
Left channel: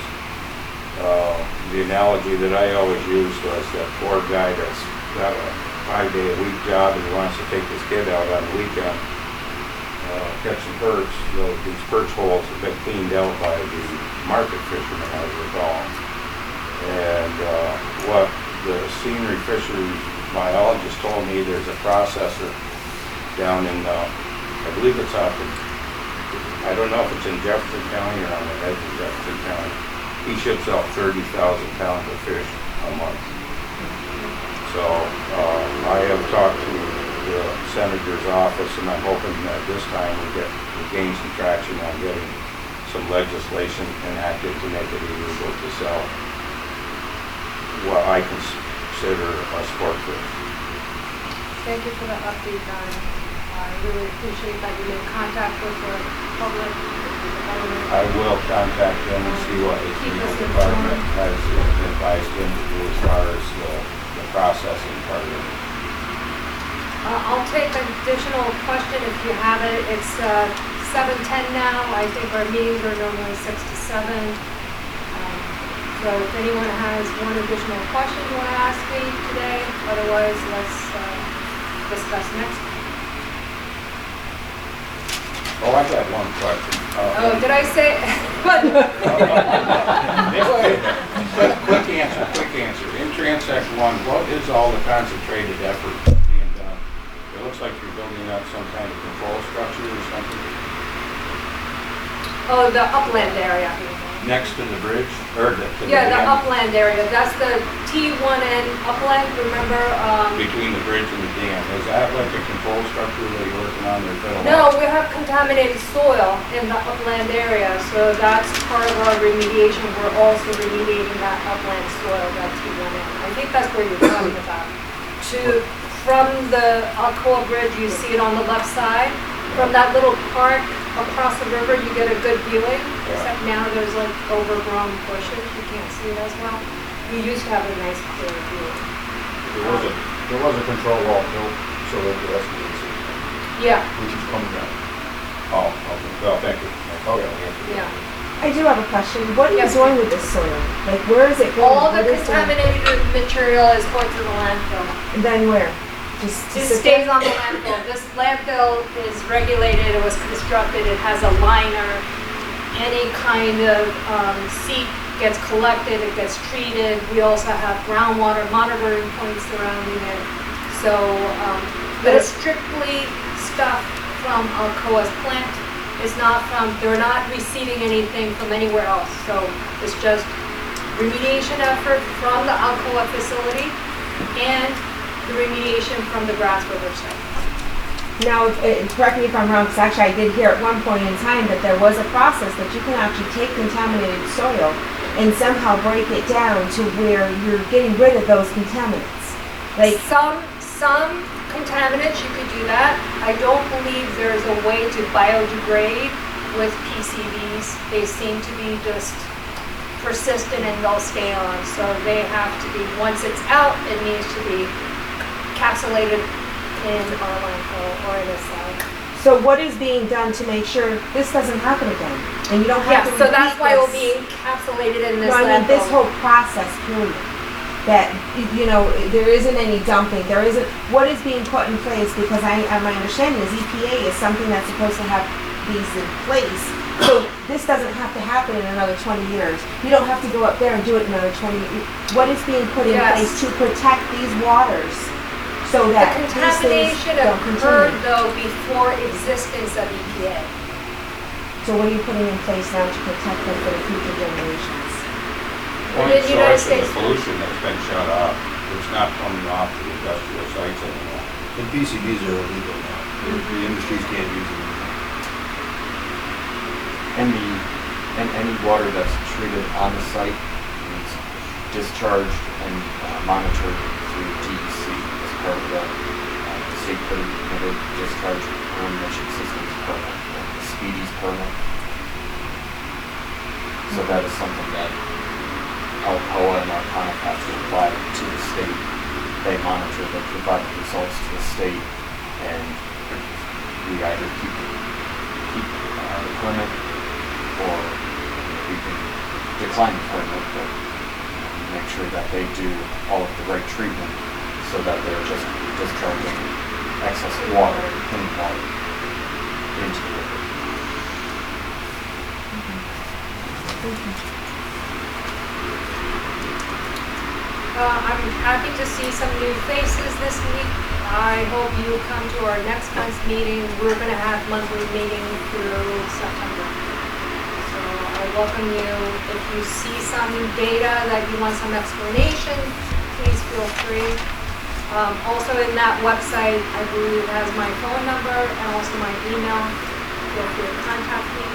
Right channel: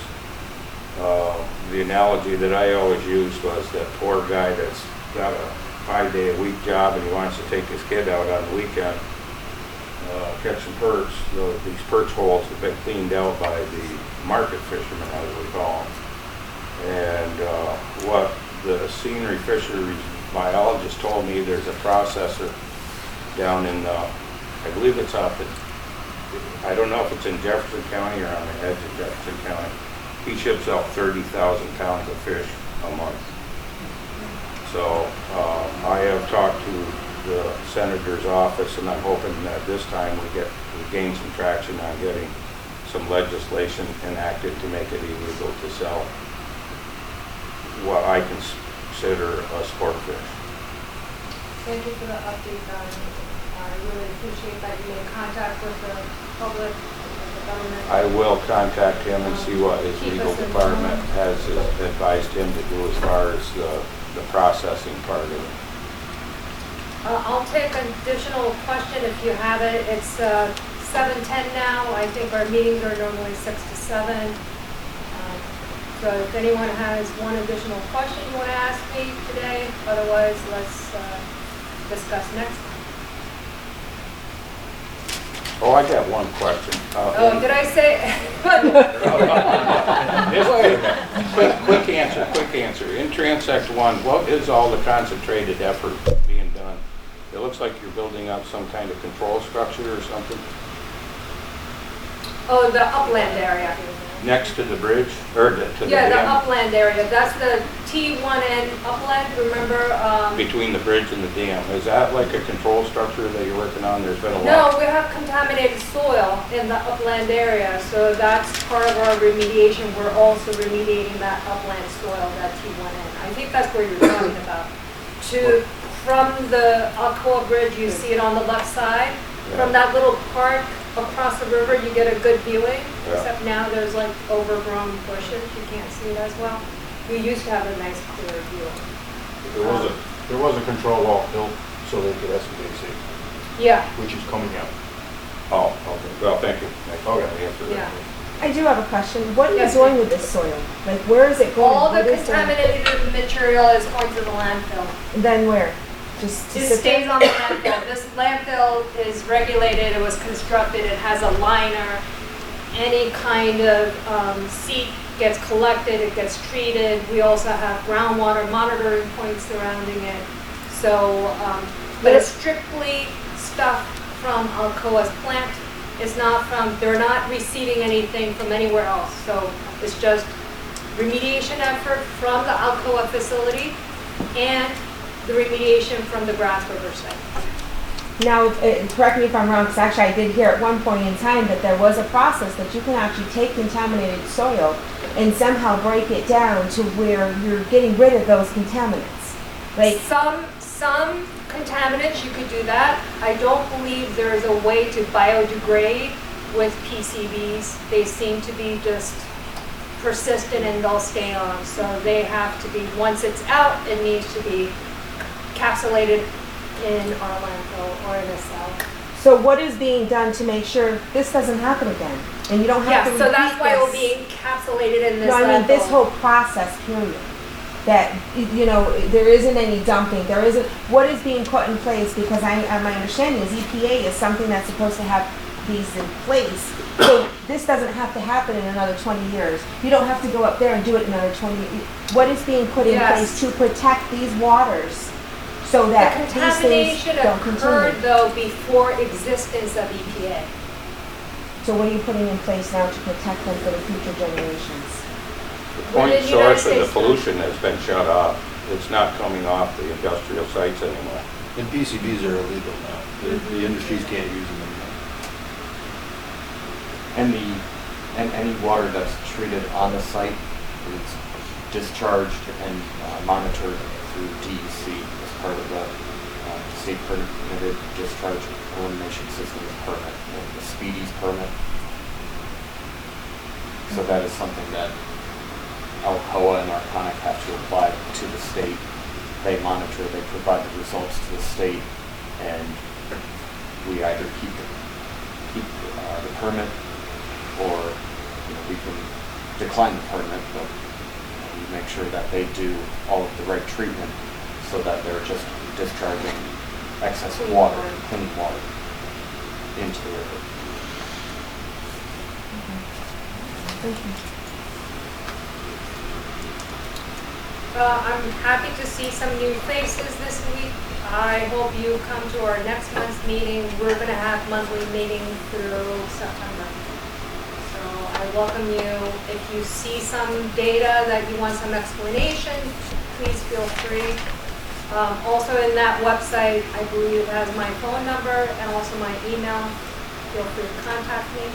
the analogy that I always used was that poor guy that's got a 5-day-a-week job and he wants to take his kid out on the weekend, catch some perch. These perch holes have been cleaned out by the market fishermen, as we call them. And what the senior fisheries biologist told me, there's a processor down in, I believe it's up in, I don't know if it's in Jefferson County or on the edge of Jefferson County. He ships out 30,000 pounds of fish a month. So I have talked to the senator's office, and I'm hoping that this time we gain some traction on getting some legislation enacted to make it illegal to sell what I consider a sport fish. Thank you for the update, Don. I really appreciate that you made contact with the public, with the government. I will contact him and see what his legal department has advised him to do as far as the processing part of it. I'll take an additional question if you have it. It's 7:10 now. I think our meetings are normally 6 to 7. So if anyone has one additional question you want to ask me today, otherwise let's discuss next. Oh, I got one question. Oh, did I say? Quick answer. In transect 1, what is all the concentrated effort being done? It looks like you're building up some kind of control structure or something Oh, the upland area. next to the bridge, or to the Yeah, the dam? upland area. That's the T1N upland, remember? Between the bridge and the dam. Is that like a control structure that you're working on there? No, we have contaminated soil in the upland area, so that's part of our remediation. We're also remediating that upland soil, that T1N. I think that's where you're talking about. From the Alcoa Bridge, you see it on the left side. From that little park across the river, you get a good viewing, except now there's like overgrown bushes. You can't see it as well. We used to have a nice clear view. There was a control wall built so that the rest of it is, Yeah, which is coming out. Oh, okay. Well, thank you. yeah. I do have a question. What are you Yes. doing with this soil? Like, where is it going? All the What is contaminated material is going to the landfill. Then where? Just to It sit stays there? on the landfill. This landfill is regulated, it was constructed, it has a liner. Any kind of seep gets collected, it gets treated. We also have groundwater monitoring points surrounding it. So, but it's strictly stuff from Alcoa's plant. It's not from, they're not receiving anything from anywhere else. So it's just remediation effort from the Alcoa facility and the remediation from the Grasse River site. Now, correct me if I'm wrong, because actually I did hear at one point in time that there was a process that you can actually take contaminated soil and somehow break it down to where you're getting rid of those contaminants. Like Some contaminants, you could do that. I don't believe there's a way to biodegrade with PCBs. They seem to be just persistent and they'll stay on. So they have to be, once it's out, it needs to be encapsulated in our landfill or in a cell. So what is being done to make sure this doesn't happen again? And you don't have to Yeah, repeat so that's why it will this? be encapsulated in this No, landfill. I mean this whole process, period. That, you know, there isn't any dumping, there isn't, what is being put in place? Because my understanding is EPA is something that's supposed to have these in place. So this doesn't have to happen in another 20 years. You don't have to go up there and do it another 20 years. What is being put in Yes. place to protect these waters so that The these things contamination don't occurred continue? though before existence of EPA. So what are you putting in place now to protect them for the future generations? Point In the United source of the States. pollution that's been shut off. It's not coming off the industrial sites anymore. And PCBs are illegal now. The industries can't use them anymore. And any water that's treated on the site is discharged and monitored through DEC as part of the state permitted discharge elimination systems permit, or the SPEEDIES permit. So that is something that Alcoa and Arconic have to apply to the state. They monitor, they provide the results to the state, and we either keep the permit, or we can decline the permit, but make sure that they do all of the right treatment so that they're just discharging excess water, clean water, into the river. Thank you. I'm happy to see some new faces this week. I hope you come to our next month's meeting. We're going to have monthly meetings through September. So I welcome you. If you see some data that you want some explanation, please feel free. Also in that website, I believe it has my phone number and also my email. Feel free to contact me.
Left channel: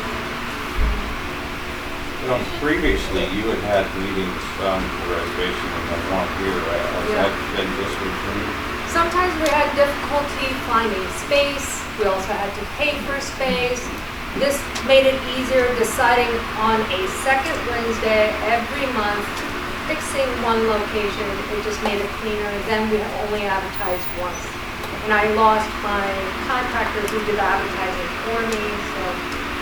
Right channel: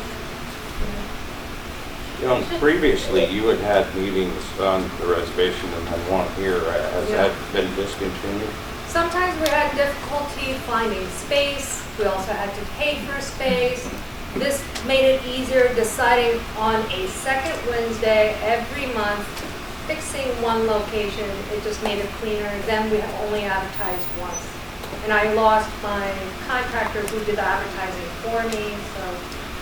You know, previously you had meetings on the reservation and had one here. Has that been discontinued? Sometimes we had difficulty finding space. We also had to pay for space. This made it easier deciding on a second Wednesday every month, fixing one location. It just made it cleaner. Then we only advertised once. And I lost my contractor who did the advertising for me, so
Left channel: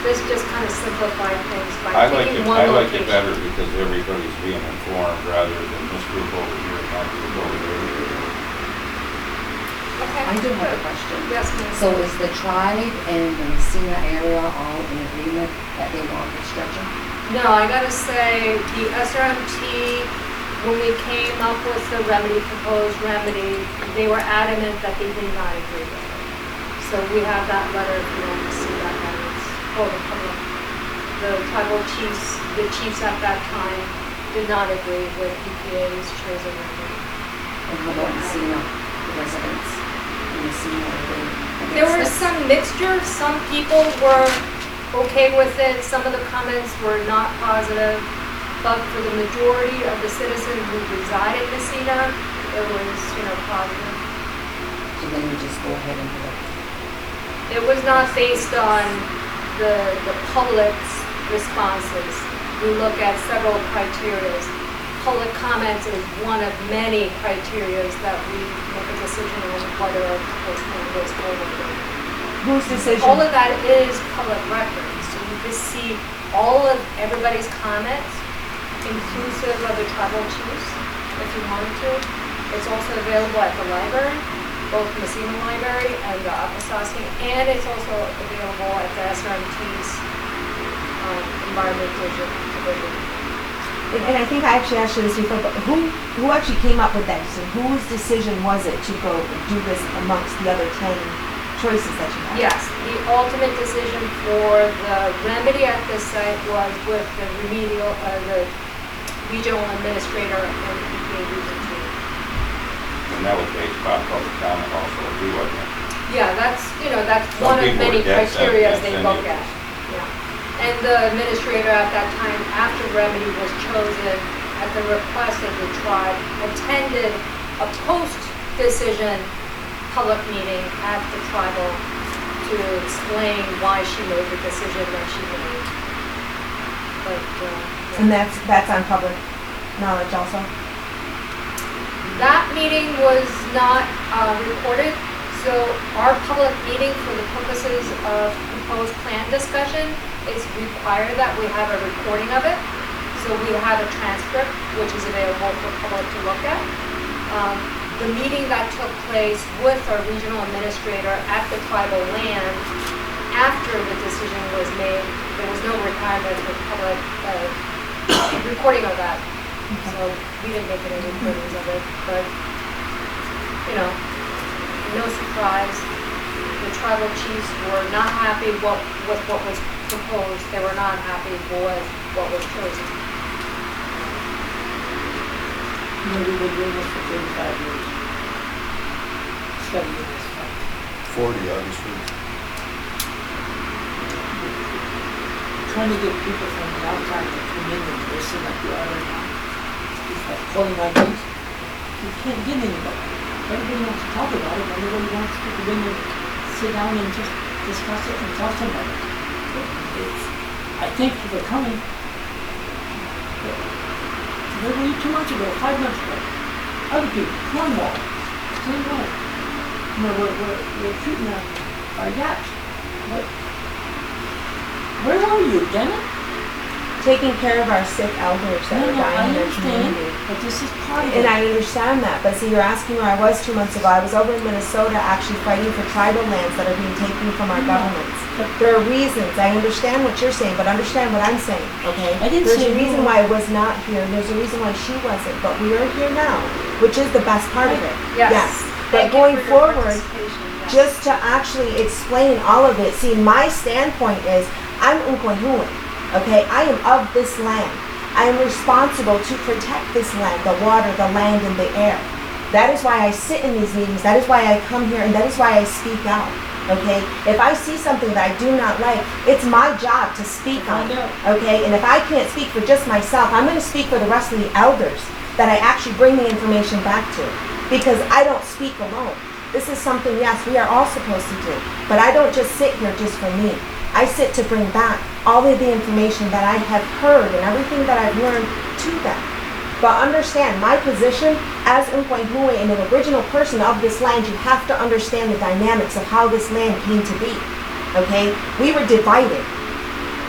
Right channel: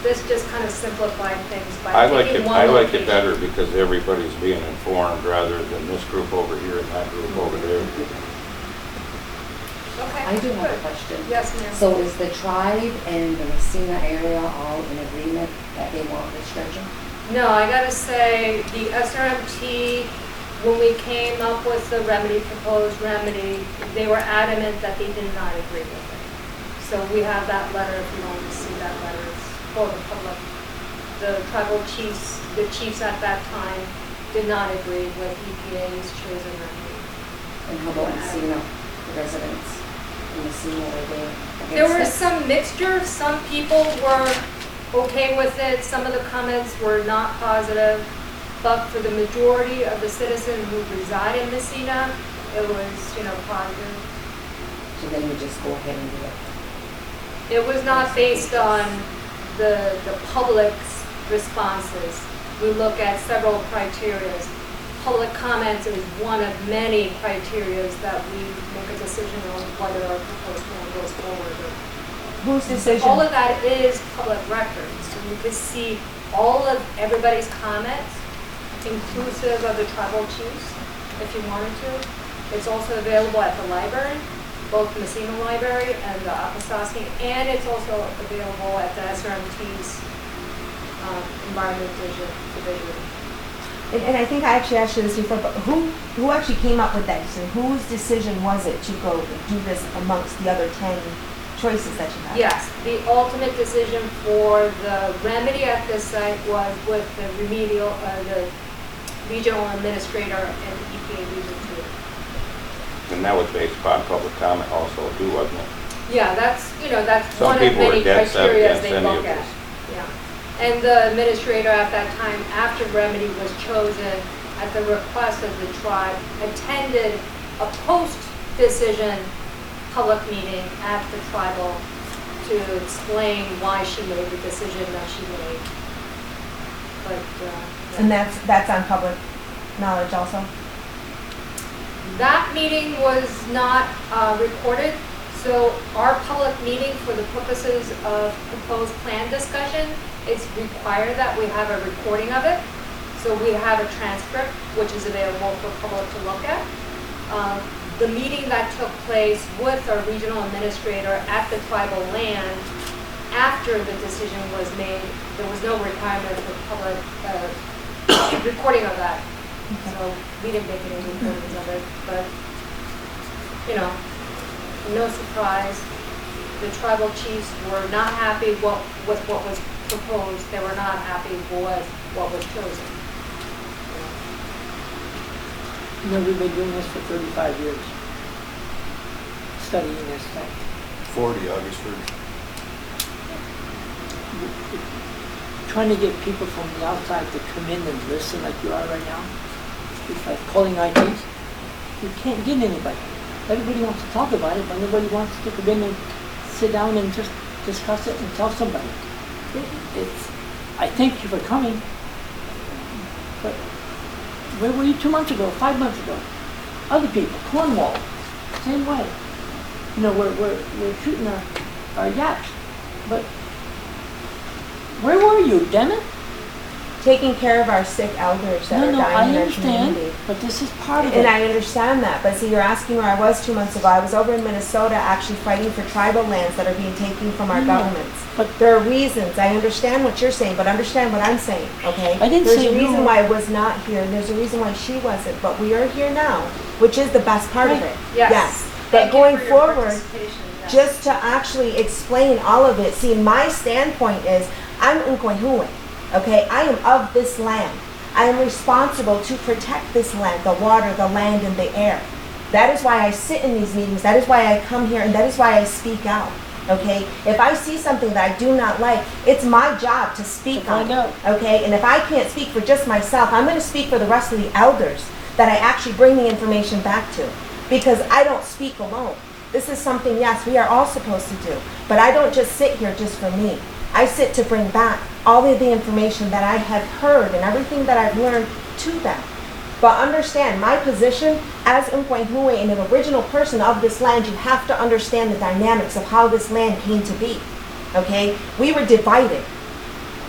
this just kind of simplified things by taking one location. I like it better because everybody's being informed rather than this group over here and that group over there. Okay. I do have a good. question. Yes, ma'am. So is the tribe and the Messina area all in agreement that they want this dredging? No, I gotta say, the SRMT, when we came up with the remedy, proposed remedy, they were adamant that they did not agree with it. So we have that letter, if you want to see that letter, it's for the public. The tribal chiefs, the chiefs at that time did not agree with EPA's chosen remedy. And how about Messina, the residents in Messina, are they against There was it? some mixture, some people were okay with it, some of the comments were not positive, but for the majority of the citizens who reside in Messina, it was, positive. So then we just go ahead and do it. It was not based on the public's responses. We look at several criterias. Public comments is one of many criterias that we make a decision on whether a proposed plan goes forward. Whose decision? All of that is public record, so you could see all of everybody's comments, inclusive of the tribal chiefs, if you wanted to. It's also available at the library, both Messina Library and the Akwesasne, and it's also available at the SRMT's Environment Division. And I think I actually asked you this before, but who actually came up with that decision? Whose decision was it to go and do this amongst the other 10 choices that you had? Yes, the ultimate decision for the remedy at this site was with the the regional administrator and the EPA region team. And that was based upon public comment also too, wasn't it? Yeah, that's Some one of people were many dead set criteria against they any look of at. this. Yeah. And the administrator at that time, after remedy was chosen, at the request of the tribe, attended a post-decision public meeting at the tribal to explain why she made the decision that she made. But, yeah. And that's on public knowledge also? That meeting was not recorded, so our public meeting for the purposes of proposed plan discussion, it's required that we have a recording of it. So we have a transcript, which is available for public to look at. The meeting that took place with our regional administrator at the tribal land, after the decision was made, there was no requirement for public recording of that. So we didn't make any recordings of it, but, no surprise. The tribal chiefs were not happy with what was proposed. They were not happy with what was chosen. We've been doing this for 35 years. Studying this stuff. 40, August 1st. Trying to get people from the outside to come in and listen like you are right now. It's like calling IDs. You can't get anybody. Everybody wants to talk about it, and everybody wants to come in and sit down and just discuss it and tell somebody. I thank you for coming. But where were you 2 months ago, 5 months ago? Other people, Cornwall, same way. We're shooting our yachts. But where were you, Dennis? Taking care of our sick elders that are dying in our community. But this is part of it. And I understand that, but see, you're asking where I was 2 months ago. I was over in Minnesota actually fighting for tribal lands that are being taken from our governments. But there are reasons. I understand what you're saying, but understand what I'm saying, okay? I didn't There's say a reason no. why I was not here, and there's a reason why she wasn't, but we are here now, which is the best part of it. Yes. But Thank you going for your forward, participation, yes. just to actually explain all of it, see, my standpoint is, I'm Nkwenhuwe. Okay, I am of this land. I am responsible to protect this land, the water, the land, and the air. That is why I sit in these meetings. That is why I come here, and that is why I speak out. Okay, if I see something that I do not like, it's my job to speak on it. Okay, and if I can't speak for just myself, I'm going to speak for the rest of the elders that I actually bring the information back to, because I don't speak alone. This is something, yes, we are all supposed to do, but I don't just sit here just for me. I sit to bring back all of the information that I have heard and everything that I've learned to them. But understand, my position as Nkwenhuwe and an original person of this land, you have to understand the dynamics of how this land came to be. Okay? We were divided.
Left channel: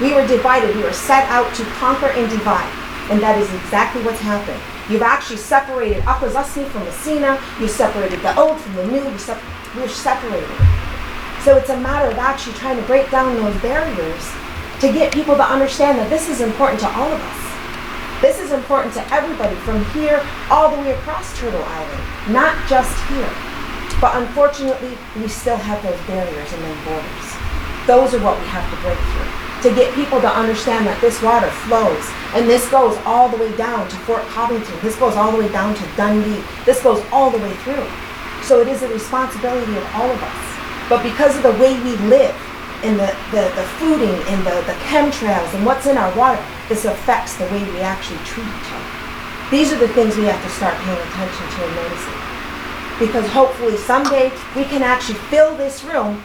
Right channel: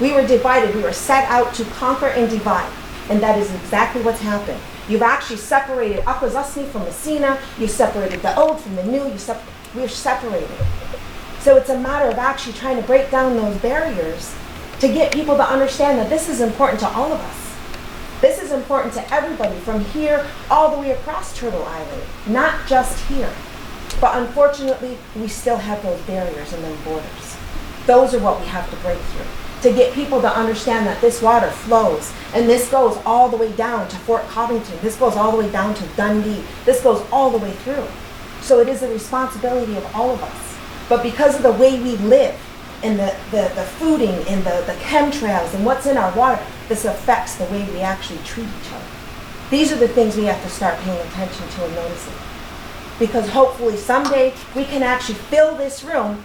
We were divided. We were set out to conquer and divide. And that is exactly what's happened. You've actually separated Akwesasne from Messina. You separated the old from the new. we're separated. So it's a matter of actually trying to break down those barriers to get people to understand that this is important to all of us. This is important to everybody from here all the way across Turtle Island, not just here. But unfortunately, we still have those barriers and those borders. Those are what we have to break through, to get people to understand that this water flows, and this goes all the way down to Fort Covington, this goes all the way down to Dundee, this goes all the way through. So it is a responsibility of all of us. But because of the way we live, and the fooding, and the chemtrails, and what's in our water, this affects the way we actually treat each other. These are the things we have to start paying attention to and noticing. Because hopefully someday we can actually fill this room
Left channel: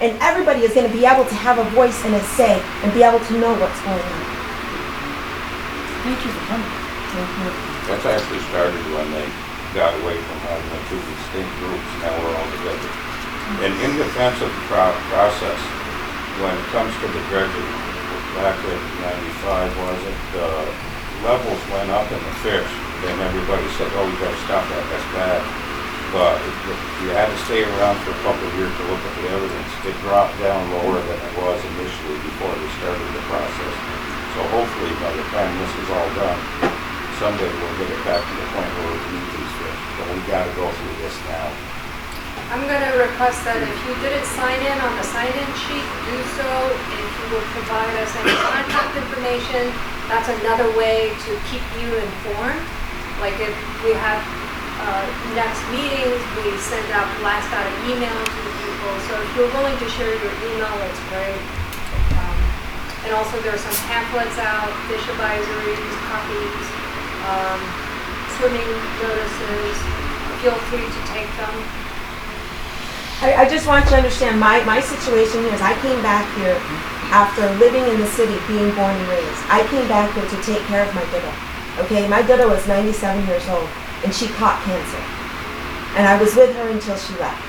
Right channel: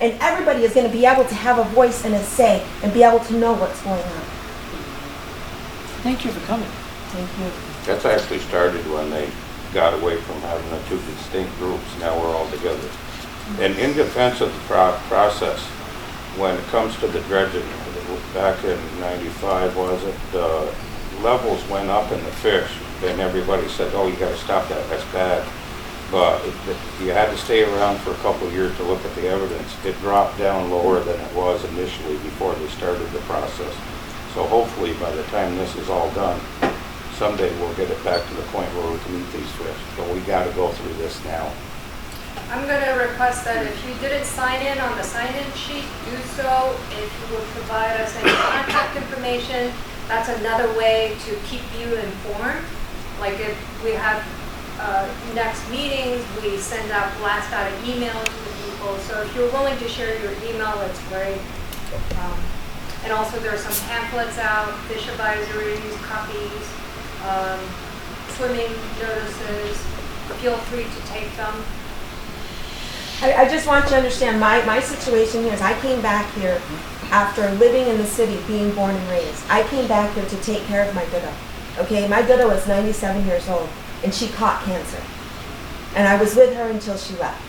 and everybody is going to be able to have a voice and a say and be able to know what's going on. Thank you for coming. Thank you. That's actually started when they got away from having the two distinct groups. Now we're all together. And in defense of the process, when it comes to the dredging, back in 95, was it, levels went up in the fish, and everybody said, oh, you gotta stop that, that's bad. But you had to stay around for a couple of years to look at the evidence. It dropped down lower than it was initially before they started the process. So hopefully by the time this is all done, someday we'll get it back to the point where we can eat these fish. But we gotta go through this now. I'm going to request that if you didn't sign in on the sign-in sheet, do so. If you would provide us any contact information, that's another way to keep you informed. Like if we have next meetings, we send out blast out an email to the people. So if you're willing to share your email, that's great. And also there are some pamphlets out, fish advisories, copies, swimming notices. Feel free to take them. I just want you to understand my situation here is I came back here after living in the city, being born and raised. I came back here to take care of my widow. Okay, my widow is 97 years old and she caught cancer. And I was with her until she left.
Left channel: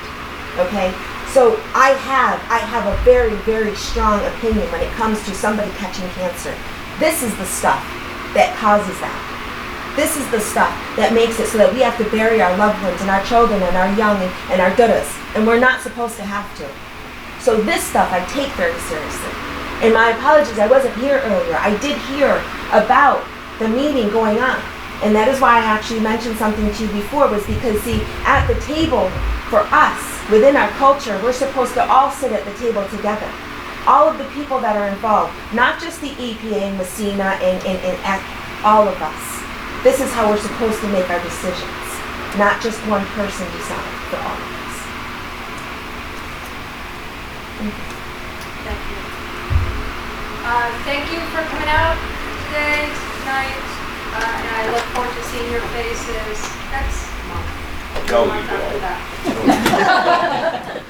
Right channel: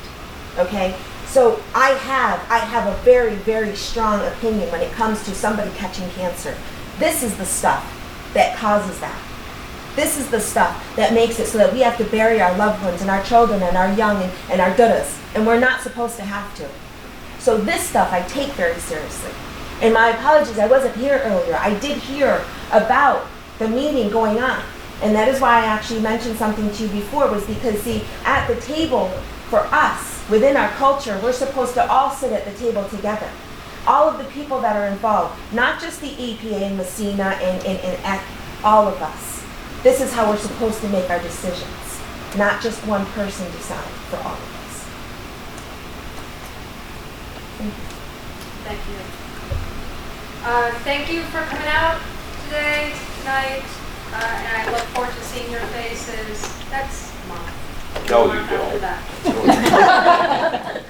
Okay, so I have a very, very strong opinion when it comes to somebody catching cancer. This is the stuff that causes that. This is the stuff that makes it so that we have to bury our loved ones and our children and our young and our dudas. And we're not supposed to have to. So this stuff I take very seriously. And my apologies, I wasn't here earlier. I did hear about the meeting going on. And that is why I actually mentioned something to you before, was because, see, at the table for us, within our culture, we're supposed to all sit at the table together. All of the people that are involved, not just the EPA and Messina and all of us. This is how we're supposed to make our decisions. Not just one person decide for all of us. Thank you. Thank you. Thank you for coming out today, tonight, and I look forward to seeing your faces next month. No, The month you after don't. that.